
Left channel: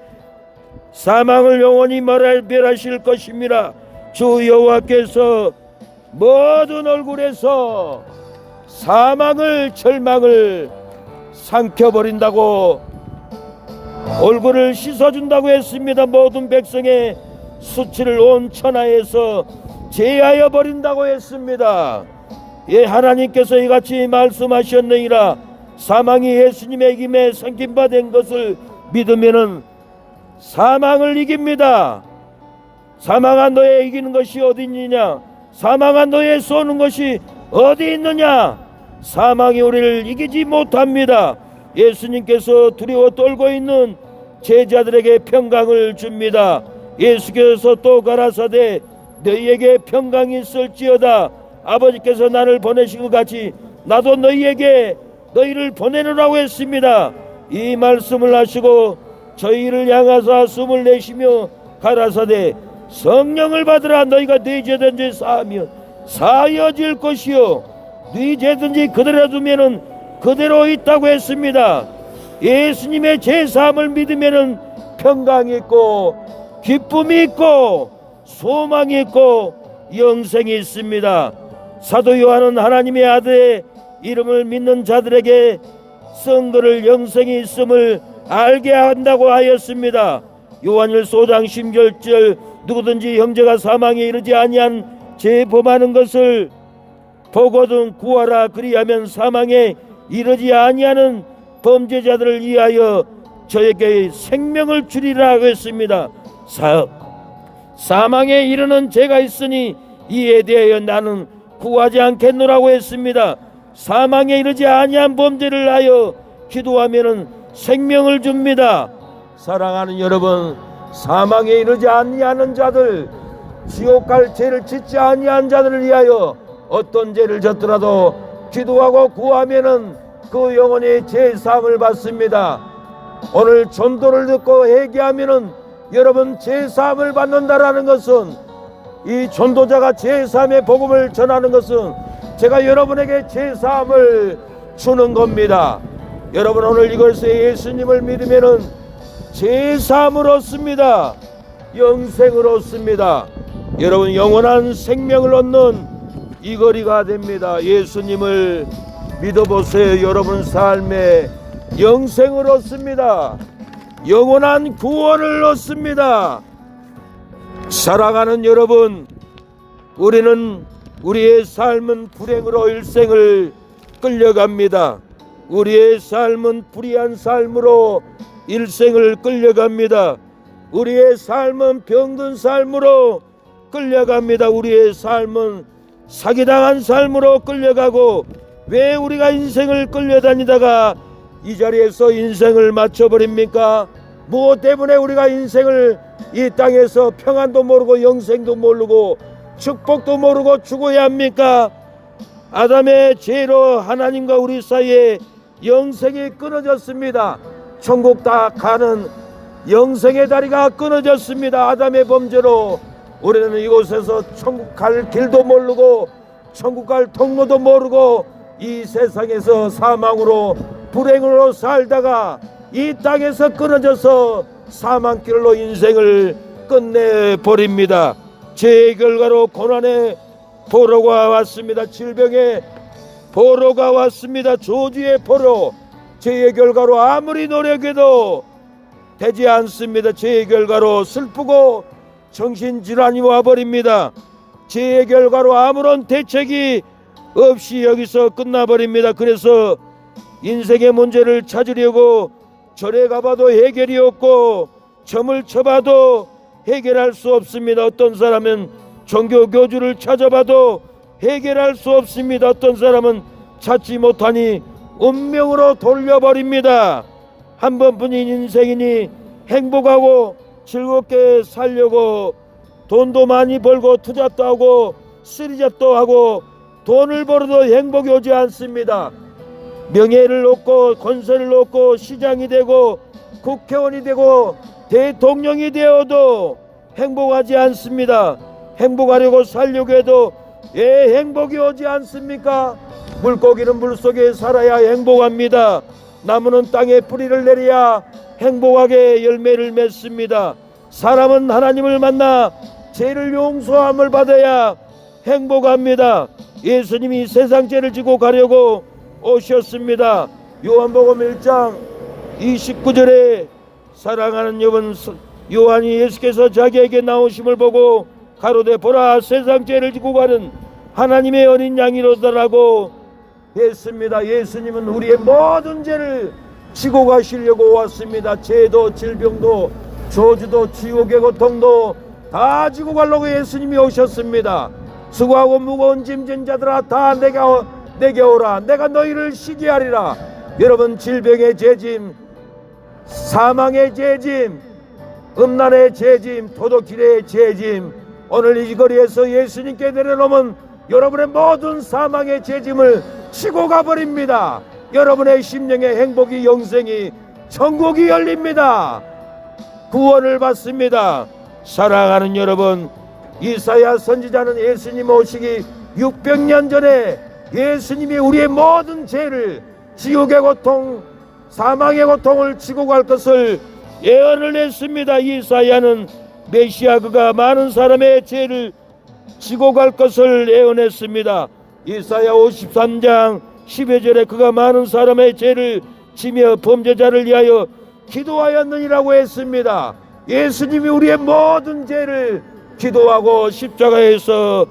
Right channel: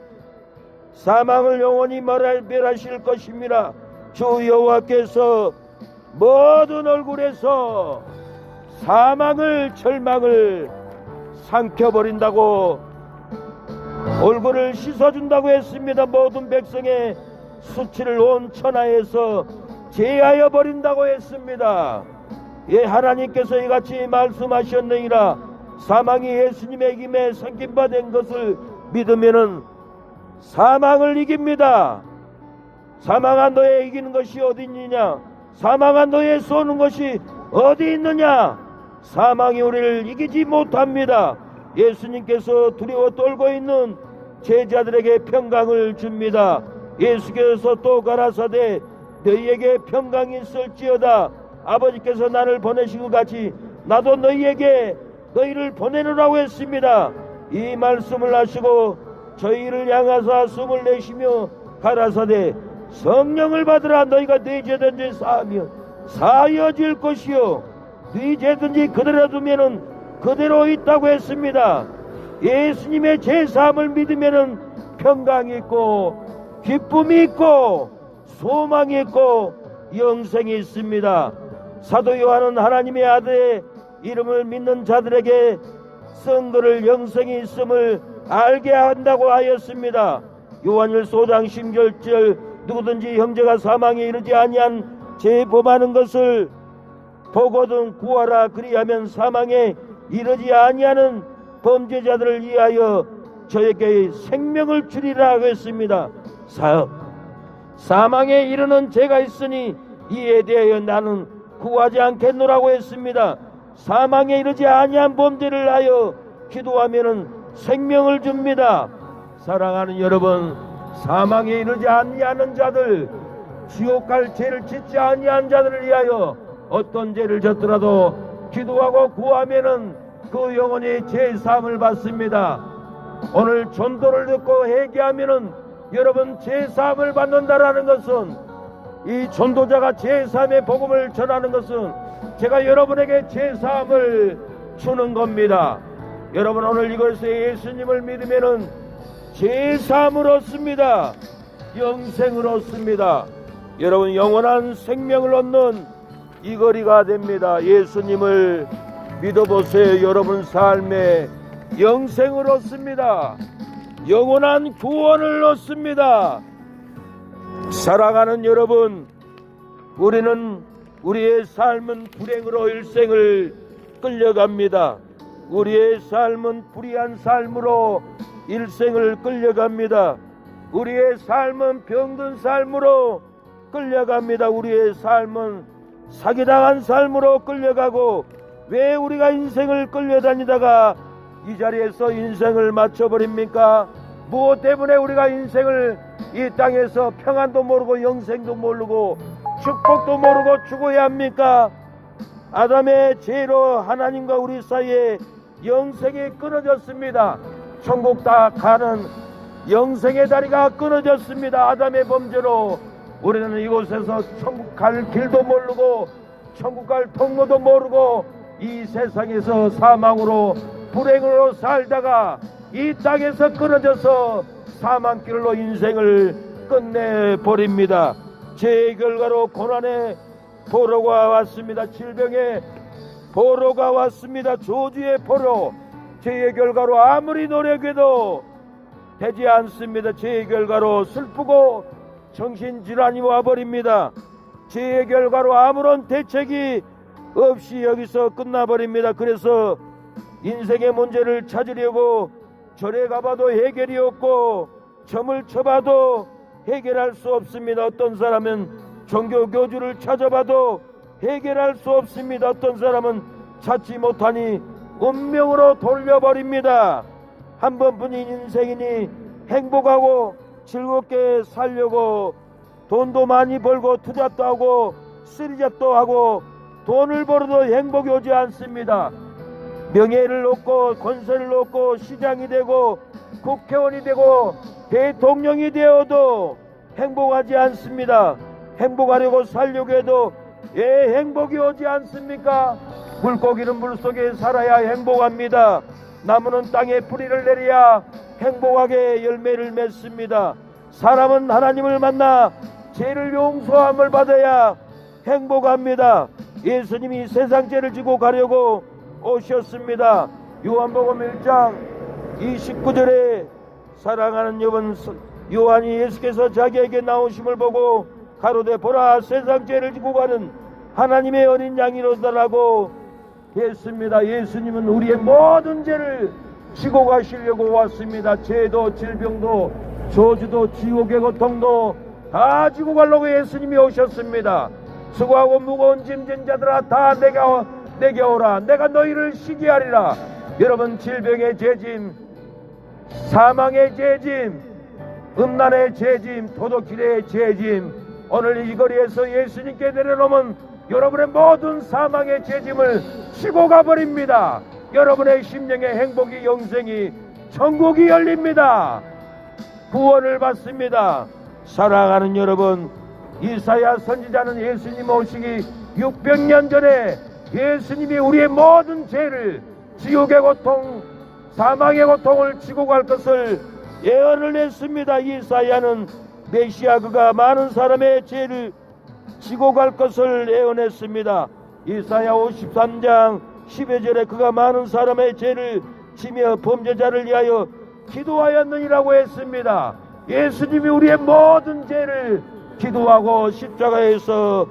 사망을 영원히 멸하실 것입니다. 주 여호와께서 모든 얼굴에서 사망을 절망을 삼켜버린다고 얼굴을 씻어준다고 했습니다. 모든 백성의 수치를 온 천하에서 제하여 버린다고 했습니다. 예, 하나님께서 이같이 말씀하셨느니라. 사망이 예수님의 이김에 삼킨 바 된 것을 믿으면은 사망을 이깁니다. 사망아 너의 이기는 것이 어디 있느냐? 사망아 너의 쏘는 것이 어디 있느냐? 사망이 우리를 이기지 못합니다. 예수님께서 두려워 떨고 있는 제자들에게 평강을 줍니다. 예수께서 또 가라사대 너희에게 평강이 있을지어다. 아버지께서 나를 보내신 것 같이 나도 너희를 보내느라고 했습니다. 이 말씀을 하시고 저희를 향하사 숨을 내쉬며 가라사대 성령을 받으라. 너희가 네 죄든지 사하면 사하여질 것이요 네 죄든지 그대로 두면은 그대로 있다고 했습니다. 예수님의 죄사함을 믿으면은 평강이 있고 기쁨이 있고 소망이 있고 영생이 있습니다. 사도 요한은 하나님의 아들의 이름을 믿는 자들에게 선거를 영생이 있음을 알게 한다고 하였습니다. 요한일서 5장 10절 누구든지 형제가 사망에 이르지 아니한 죄 범하는 것을 보거든 구하라. 그리하면 사망에 이르지 아니하는 범죄자들을 위하여 저에게 생명을 주리라 했습니다. 사망에 이르는 죄가 있으니 이에 대하여 나는 구하지 않겠노라고 했습니다. 사망에 이르지 아니한 범죄를 하여 기도하면은 생명을 줍니다. 사랑하는 여러분, 사망에 이르지 아니하는 자들, 지옥 갈 죄를 짓지 아니한 자들을 위하여 어떤 죄를 졌더라도 기도하고 구하면은 그 영혼이 제사함을 받습니다. 오늘 전도를 듣고 회개하면은 여러분 제사함을 받는다라는 것은, 이 전도자가 제사함의 복음을 전하는 것은 제가 여러분에게 제사함을 주는 겁니다. 여러분 오늘 이것에 예수님을 믿으면은 제사함을 얻습니다. 영생을 얻습니다. 여러분 영원한 생명을 얻는 이 거리가 됩니다. 예수님을 믿어보세요. 여러분 삶에 영생을 얻습니다. 영원한 구원을 얻습니다. 사랑하는 여러분, 우리의 삶은 불행으로 일생을 끌려갑니다. 우리의 삶은 불의한 삶으로 일생을 끌려갑니다. 우리의 삶은 병든 삶으로 끌려갑니다. 우리의 삶은 사기당한 삶으로 끌려가고, 왜 우리가 인생을 끌려다니다가 이 자리에서 인생을 마쳐버립니까? 무엇 때문에 우리가 인생을 이 땅에서 평안도 모르고 영생도 모르고 축복도 모르고 죽어야 합니까? 아담의 죄로 하나님과 우리 사이에 영생이 끊어졌습니다. 천국 다 가는 영생의 다리가 끊어졌습니다. 아담의 범죄로 우리는 이곳에서 천국 갈 길도 모르고 천국 갈 통로도 모르고 이 세상에서 사망으로 불행으로 살다가 이 땅에서 끊어져서 사망길로 인생을 끝내버립니다. 죄의 결과로 고난의 포로가 왔습니다. 질병의 포로가 왔습니다. 저주의 포로. 죄의 결과로 아무리 노력해도 되지 않습니다. 죄의 결과로 슬프고 정신질환이 와버립니다. 죄의 결과로 아무런 대책이 없이 여기서 끝나버립니다. 그래서 인생의 문제를 찾으려고 절에 가봐도 해결이 없고 점을 쳐봐도 해결할 수 없습니다. 어떤 사람은 종교 교주를 찾아봐도 해결할 수 없습니다. 어떤 사람은 찾지 못하니 운명으로 돌려버립니다. 한 번뿐인 인생이니 행복하고 즐겁게 살려고 돈도 많이 벌고 투자도 하고 쓰리잡도 하고 돈을 벌어도 행복이 오지 않습니다. 명예를 얻고 권세를 얻고 시장이 되고 국회의원이 되고 대통령이 되어도 행복하지 않습니다. 행복하려고 살려고 해도 왜 행복이 오지 않습니까? 물고기는 물속에 살아야 행복합니다. 나무는 땅에 뿌리를 내려야 행복하게 열매를 맺습니다. 사람은 하나님을 만나 죄를 용서함을 받아야 행복합니다. 예수님이 세상 죄를 지고 가려고 오셨습니다. 요한복음 1장 29절에 사랑하는 요한이 예수께서 자기에게 나오심을 보고 가로되 보라 세상 죄를 지고 가는 하나님의 어린 양이로다라고 했습니다. 예수님은 우리의 모든 죄를 지고 가시려고 왔습니다. 죄도 질병도 저주도 지옥의 고통도 다 지고 가려고 예수님이 오셨습니다. 수고하고 무거운 짐진 자들아 다 내게 오라. 내가 너희를 쉬게 하리라. 여러분 질병의 죄짐, 사망의 죄짐, 음란의 죄짐, 도둑질의 죄짐, 오늘 이 거리에서 예수님께 내려놓으면 여러분의 모든 사망의 죄짐을 치고 가버립니다. 여러분의 심령의 행복이 영생이 천국이 열립니다. 구원을 받습니다. 사랑하는 여러분, 이사야 선지자는 예수님 오시기 600년 전에 예수님이 우리의 모든 죄를 지옥의 고통, 사망의 고통을 지고 갈 것을 예언을 했습니다. 이사야는 메시아 그가 많은 사람의 죄를 지고 갈 것을 예언했습니다. 이사야 53장 10여 절에 그가 많은 사람의 죄를 지며 범죄자를 위하여 기도하였느니라고 했습니다. 예수님이 우리의 모든 죄를 기도하고 십자가에서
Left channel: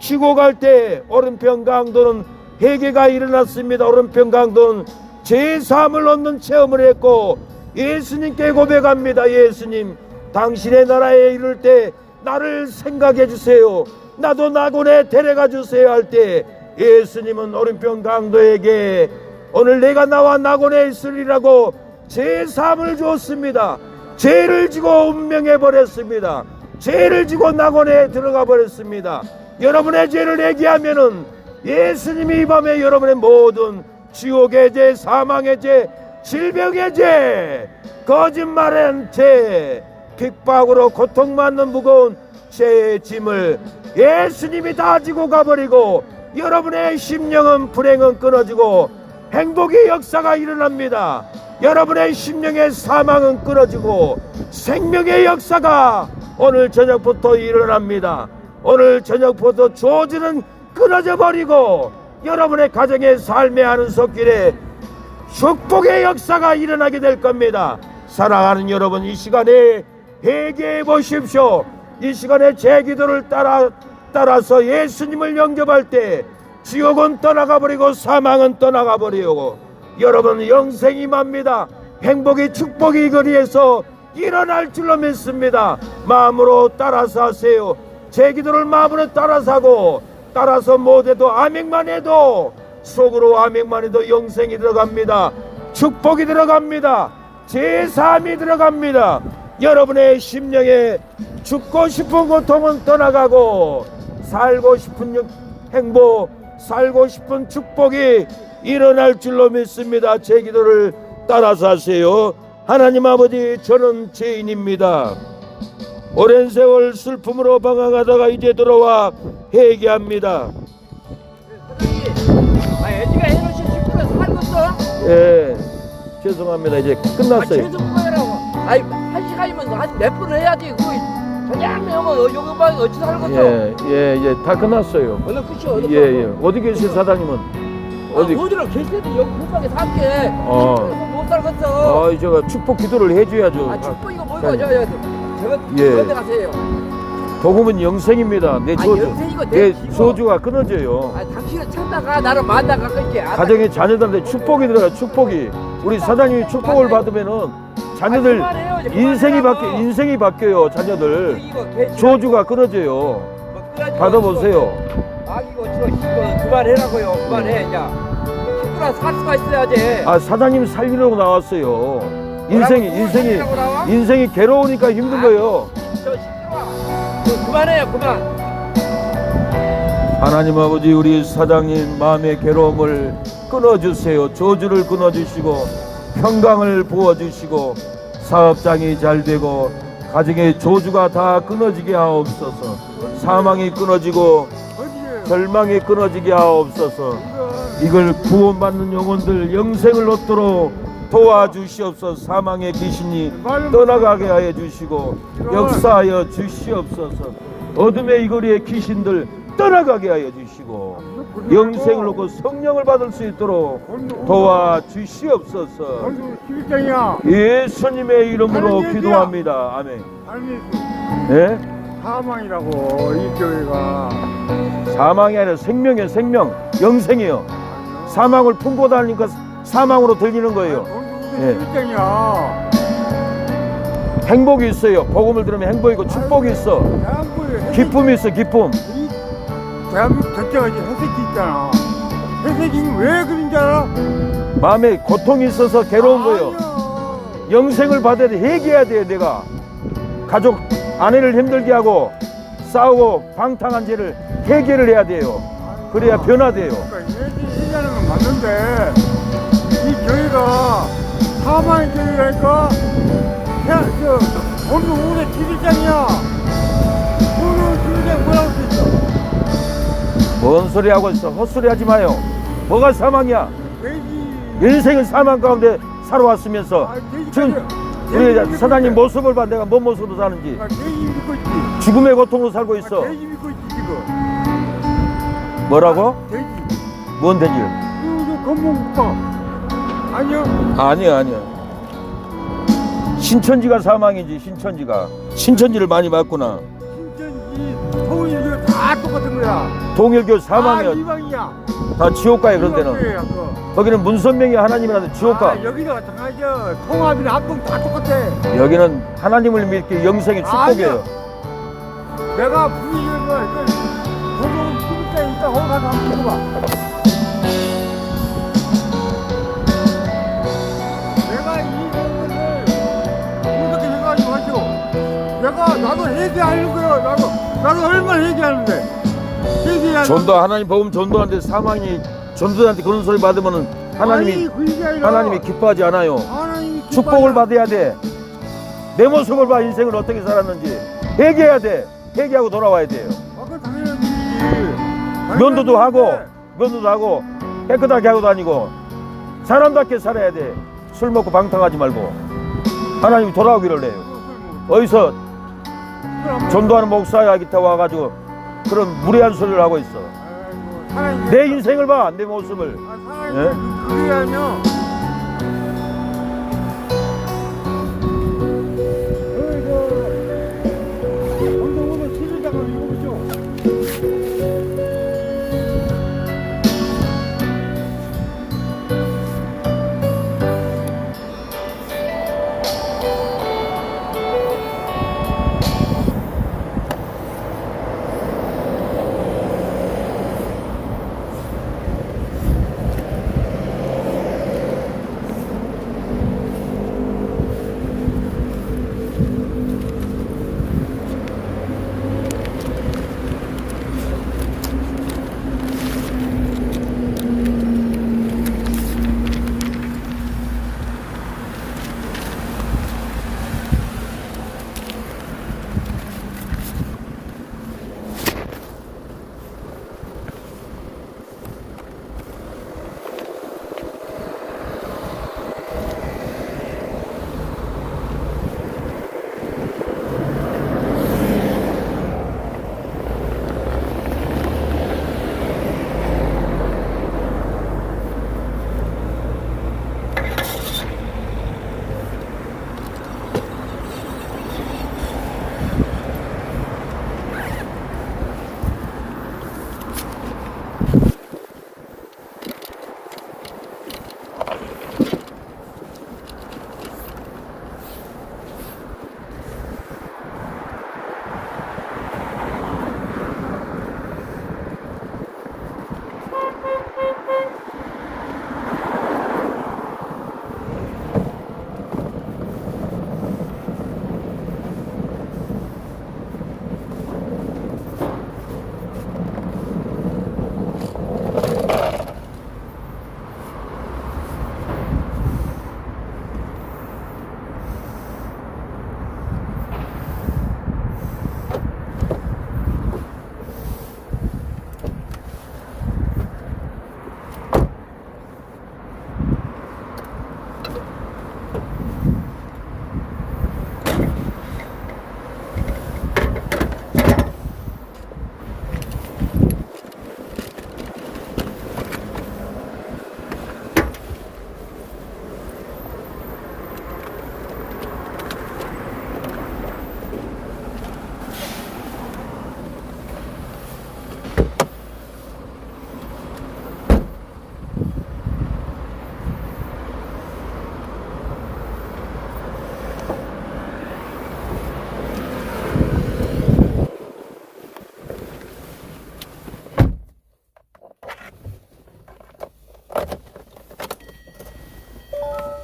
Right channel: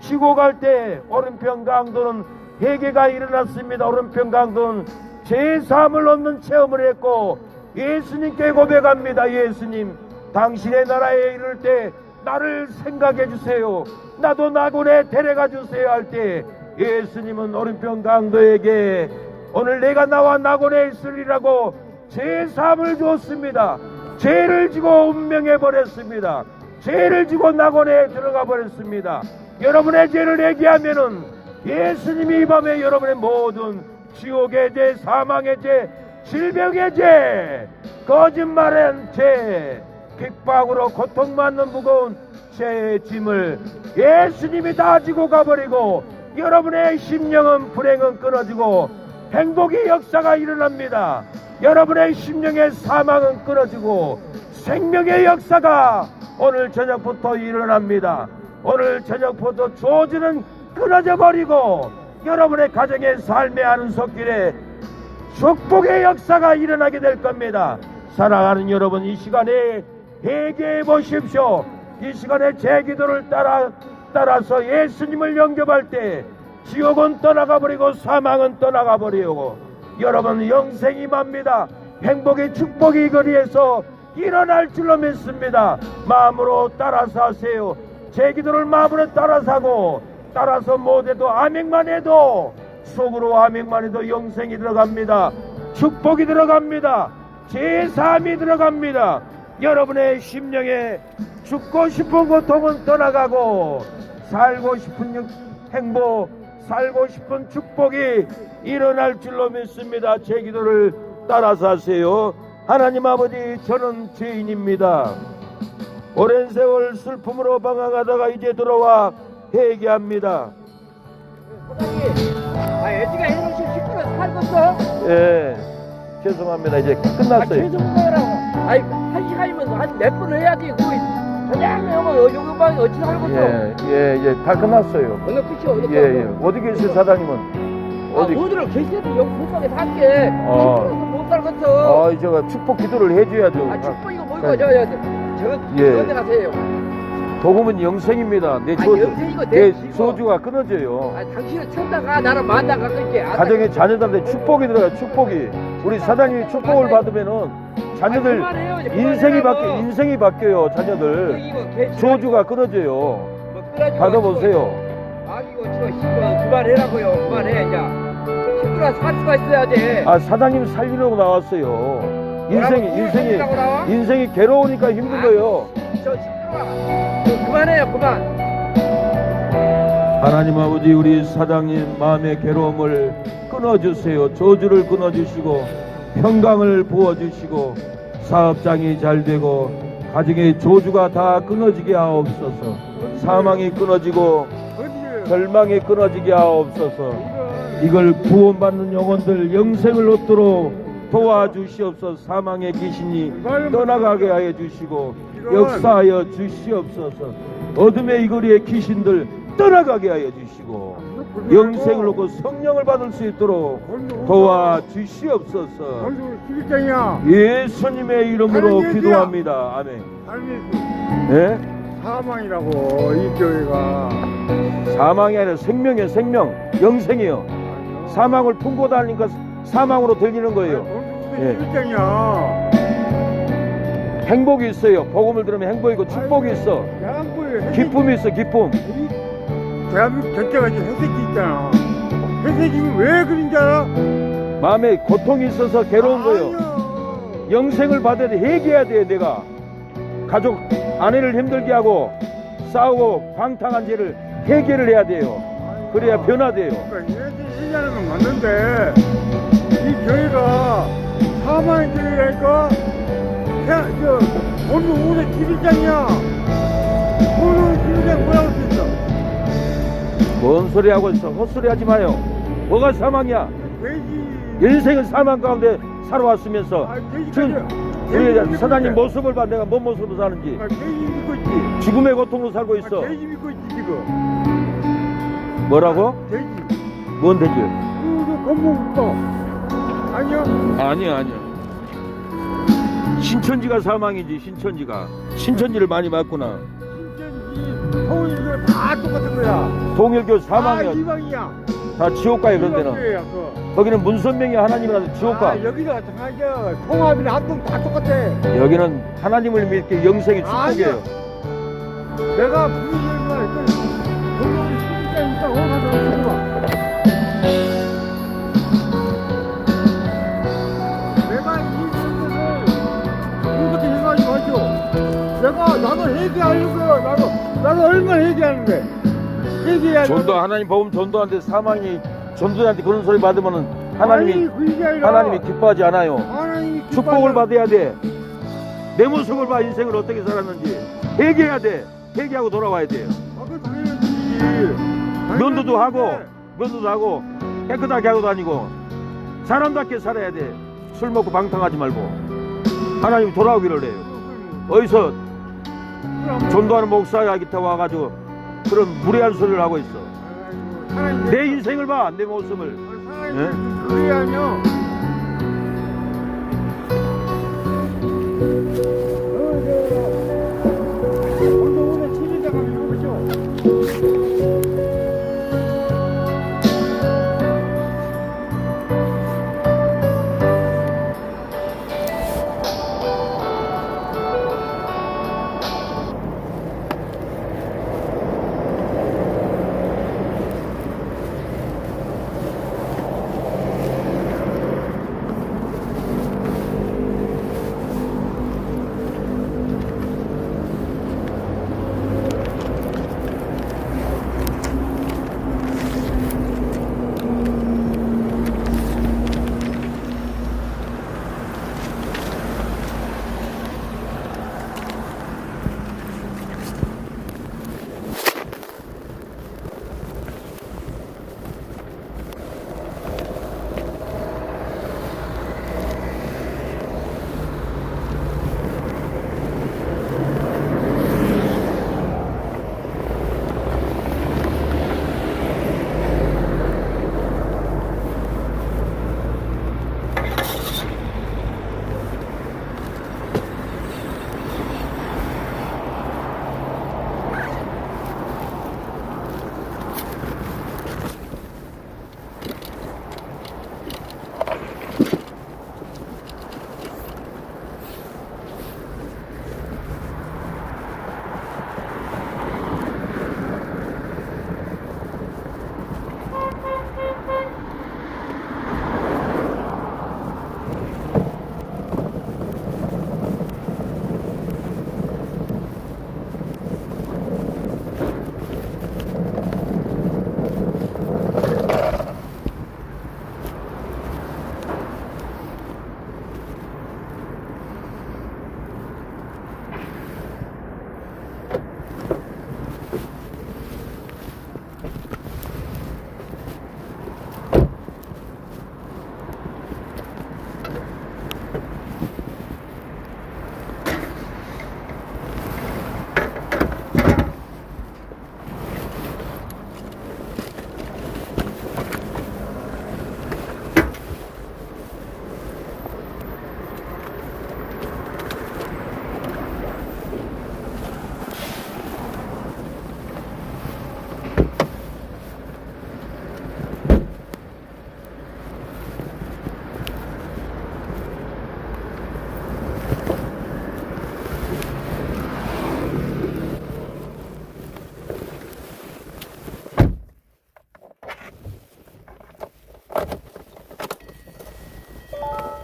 지고 갈 때 오른편 강도는 회개가 일어났습니다. 오른편 강도는 죄사함을 얻는 체험을 했고 예수님께 고백합니다. 예수님, 당신의 나라에 이를 때 나를 생각해 주세요. 나도 낙원에 데려가 주세요 할 때 예수님은 오른편 강도에게 오늘 내가 나와 낙원에 있으리라고 죄사함을 주었습니다. 죄를 지고 운명해 버렸습니다. 죄를 지고 낙원에 들어가 버렸습니다. 여러분의 죄를 얘기하면은 예수님이 이 밤에 여러분의 모든 지옥의 죄, 사망의 죄, 질병의 죄, 거짓말의 죄, 핍박으로 고통받는 무거운 죄의 짐을 예수님이 다 지고 가버리고 여러분의 심령은 불행은 끊어지고 행복의 역사가 일어납니다. 여러분의 심령의 사망은 끊어지고 생명의 역사가 오늘 저녁부터 일어납니다. 오늘 저녁부터 저주는 끊어져 버리고 여러분의 가정의 삶의 하는 속길에 축복의 역사가 일어나게 될 겁니다. 사랑하는 여러분, 이 시간에 회개해 보십시오. 이 시간에 제 기도를 따라서 예수님을 영접할 때 지옥은 떠나가 버리고 사망은 떠나가 버리고 여러분 영생이 맙니다. 행복의 축복이 이 거리에서 일어날 줄로 믿습니다. 마음으로 따라서 하세요. 제 기도를 마음으로 따라서 하고 따라서 못해도 아멘만 해도 속으로 아멘만 해도 영생이 들어갑니다. 축복이 들어갑니다. 제3이 들어갑니다. 여러분의 심령에 죽고 싶은 고통은 떠나가고 살고 싶은 행복, 살고 싶은 축복이 일어날 줄로 믿습니다. 제 기도를 따라서 하세요. 하나님 아버지, 저는 죄인입니다. 오랜 세월 슬픔으로 방황하다가 이제 들어와 회개합니다. 애지가 해놓으신 식구를 살렸어? 예, 죄송합니다. 이제 끝났어요. 죄송해라고. 아이, 1시간이면 한 몇 번 해야지. 그냥 여기 방에 어찌 살겠어? 예, 이제 다 끝났어요. 어느 끝이 어느 끝이? 예. 어디 계세요, 사장님은? 어디로 계시는데 여기 불방에 살게. 못 살겠어. 제가 축복 기도를 해줘야죠. 축복 이거 뭐이고 저거 어디 가세요? 복음은 영생입니다. 내 영생이고 내 기도. 소주가 끊어져요. 당신은 천다가 나는 만다가 그렇게. 가정의 자녀들한테 축복이 들어가. 축복이 우리 사장님이 축복을 받으면은 자녀들 인생이 바뀌어요. 자녀들 소주가 끊어져요. 받아보세요. 이거 그만해라고요. 그만해. 야, 식구나 살 수가 있어야지. 사장님 살리려고 나왔어요. 인생이 괴로우니까 힘든 거예요. 저 시끄러워. 그만해요. 그만. 하나님 아버지, 우리 사장님 마음의 괴로움을 끊어주세요. 저주를 끊어주시고 평강을 부어주시고 사업장이 잘 되고 가정의 저주가 다 끊어지게 하옵소서. 사망이 끊어지고 절망이 끊어지게 하옵소서. 이걸 구원받는 영혼들 영생을 얻도록 도와주시옵소서. 사망의 귀신이 떠나가게 하여 주시고 역사하여 주시옵소서. 어둠의 이 거리의 귀신들 떠나가게 하여 주시고 영생을 얻고 성령을 받을 수 있도록 도와주시옵소서. 예수님의 이름으로 기도합니다. 아멘. 네? 사망이라고 이 교회가. 사망이 아니라 생명이에요. 생명, 영생이에요. 사망을 품고 다니니까 사망으로 들리는 거예요. 그랬잖냐. 행복이 있어요. 복음을 들으면 행복이고 축복이 있어. 기쁨이 있어. 기쁨. 대한민국 전체가 이제 회색이 있잖아. 회색이 왜 그런 줄 알아? 마음에 고통이 있어서 괴로운 거예요. 영생을 받아야 돼. 회개해야 돼. 내가 가족 아내를 힘들게 하고 싸우고 방탕한 죄를 회개를 해야 돼요. 그래야 변화돼요. 얘기하는 건 맞는데 이 교회가 사망의 교회라니까. 오늘 오래 기술장이야. 오늘 기술장 뭐라고 했어? 뭔 소리 하고 있어? 헛소리 하지 마요. 뭐가 사망이야? 돼지. 인생은 사망 가운데 살아왔으면서 지금 우리 사장님 모습을 봐. 내가 뭔 모습으로 사는지. 돼지 믿고 있지. 죽음의 고통으로 살고 있어. 돼지 믿고 있지 지금. 뭐라고? 돼지. 뭔 돼지? 이거 건봉 거. 아니요. 아니야. 신천지가 사망이지. 신천지를 많이 봤구나. 신천지 통일교 다 똑같은 거야. 동일교 사망이야. 이방이야. 다 지옥 가요. 그런 데는. 거기는 문선명이 하나님이라도 지옥 가. 여기가 마찬가지죠. 통합이나 합동 다 똑같아. 여기는 하나님을 믿게 영생의 축복이에요. 내가 부인을 말 도둑은 신니까 일단 혼자 내가 이 생각을 이렇게 해가지고 하죠. 나도 회개하려고요. 나도 얼마나 회개하는데. 회개해야 전도 하나님 복음 전도하는데 사망이 전도자한테 그런 소리 받으면은 하나님이 아니, 그게 아니라 하나님이 기뻐하지 않아요. 하나님이 축복을 기뻐하지 받아야 돼. 내 모습을 봐. 인생을 어떻게 살았는지 회개해야 돼. 회개하고 돌아와야 돼요. 아까 당연하지. 면도도 하고 깨끗하게 하고 다니고 사람답게 살아야 돼. 술 먹고 방탕하지 말고 하나님이 돌아오기를 해요. 어디서 전도하는 목사야 기타 와가지고 그런 무례한 소리를 하고 있어. 내 인생을 봐. 내 모습을. 예? 그게 아니야.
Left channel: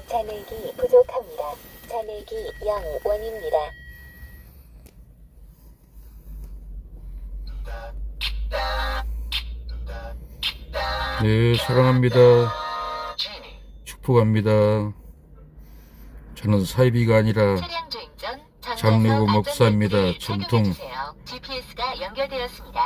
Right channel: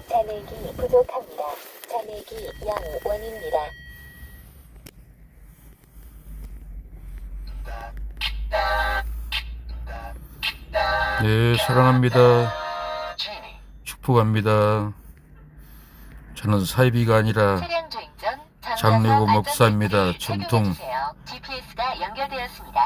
잔액이 부족합니다. 잔액이 0원입니다. 네, 사랑합니다. 축복합니다. 저는 사이비가 아니라 차량 주행 전 장르고 전자석 목사입니다. 안전벨트를 전통 착용해주세요. GPS가 연결되었습니다.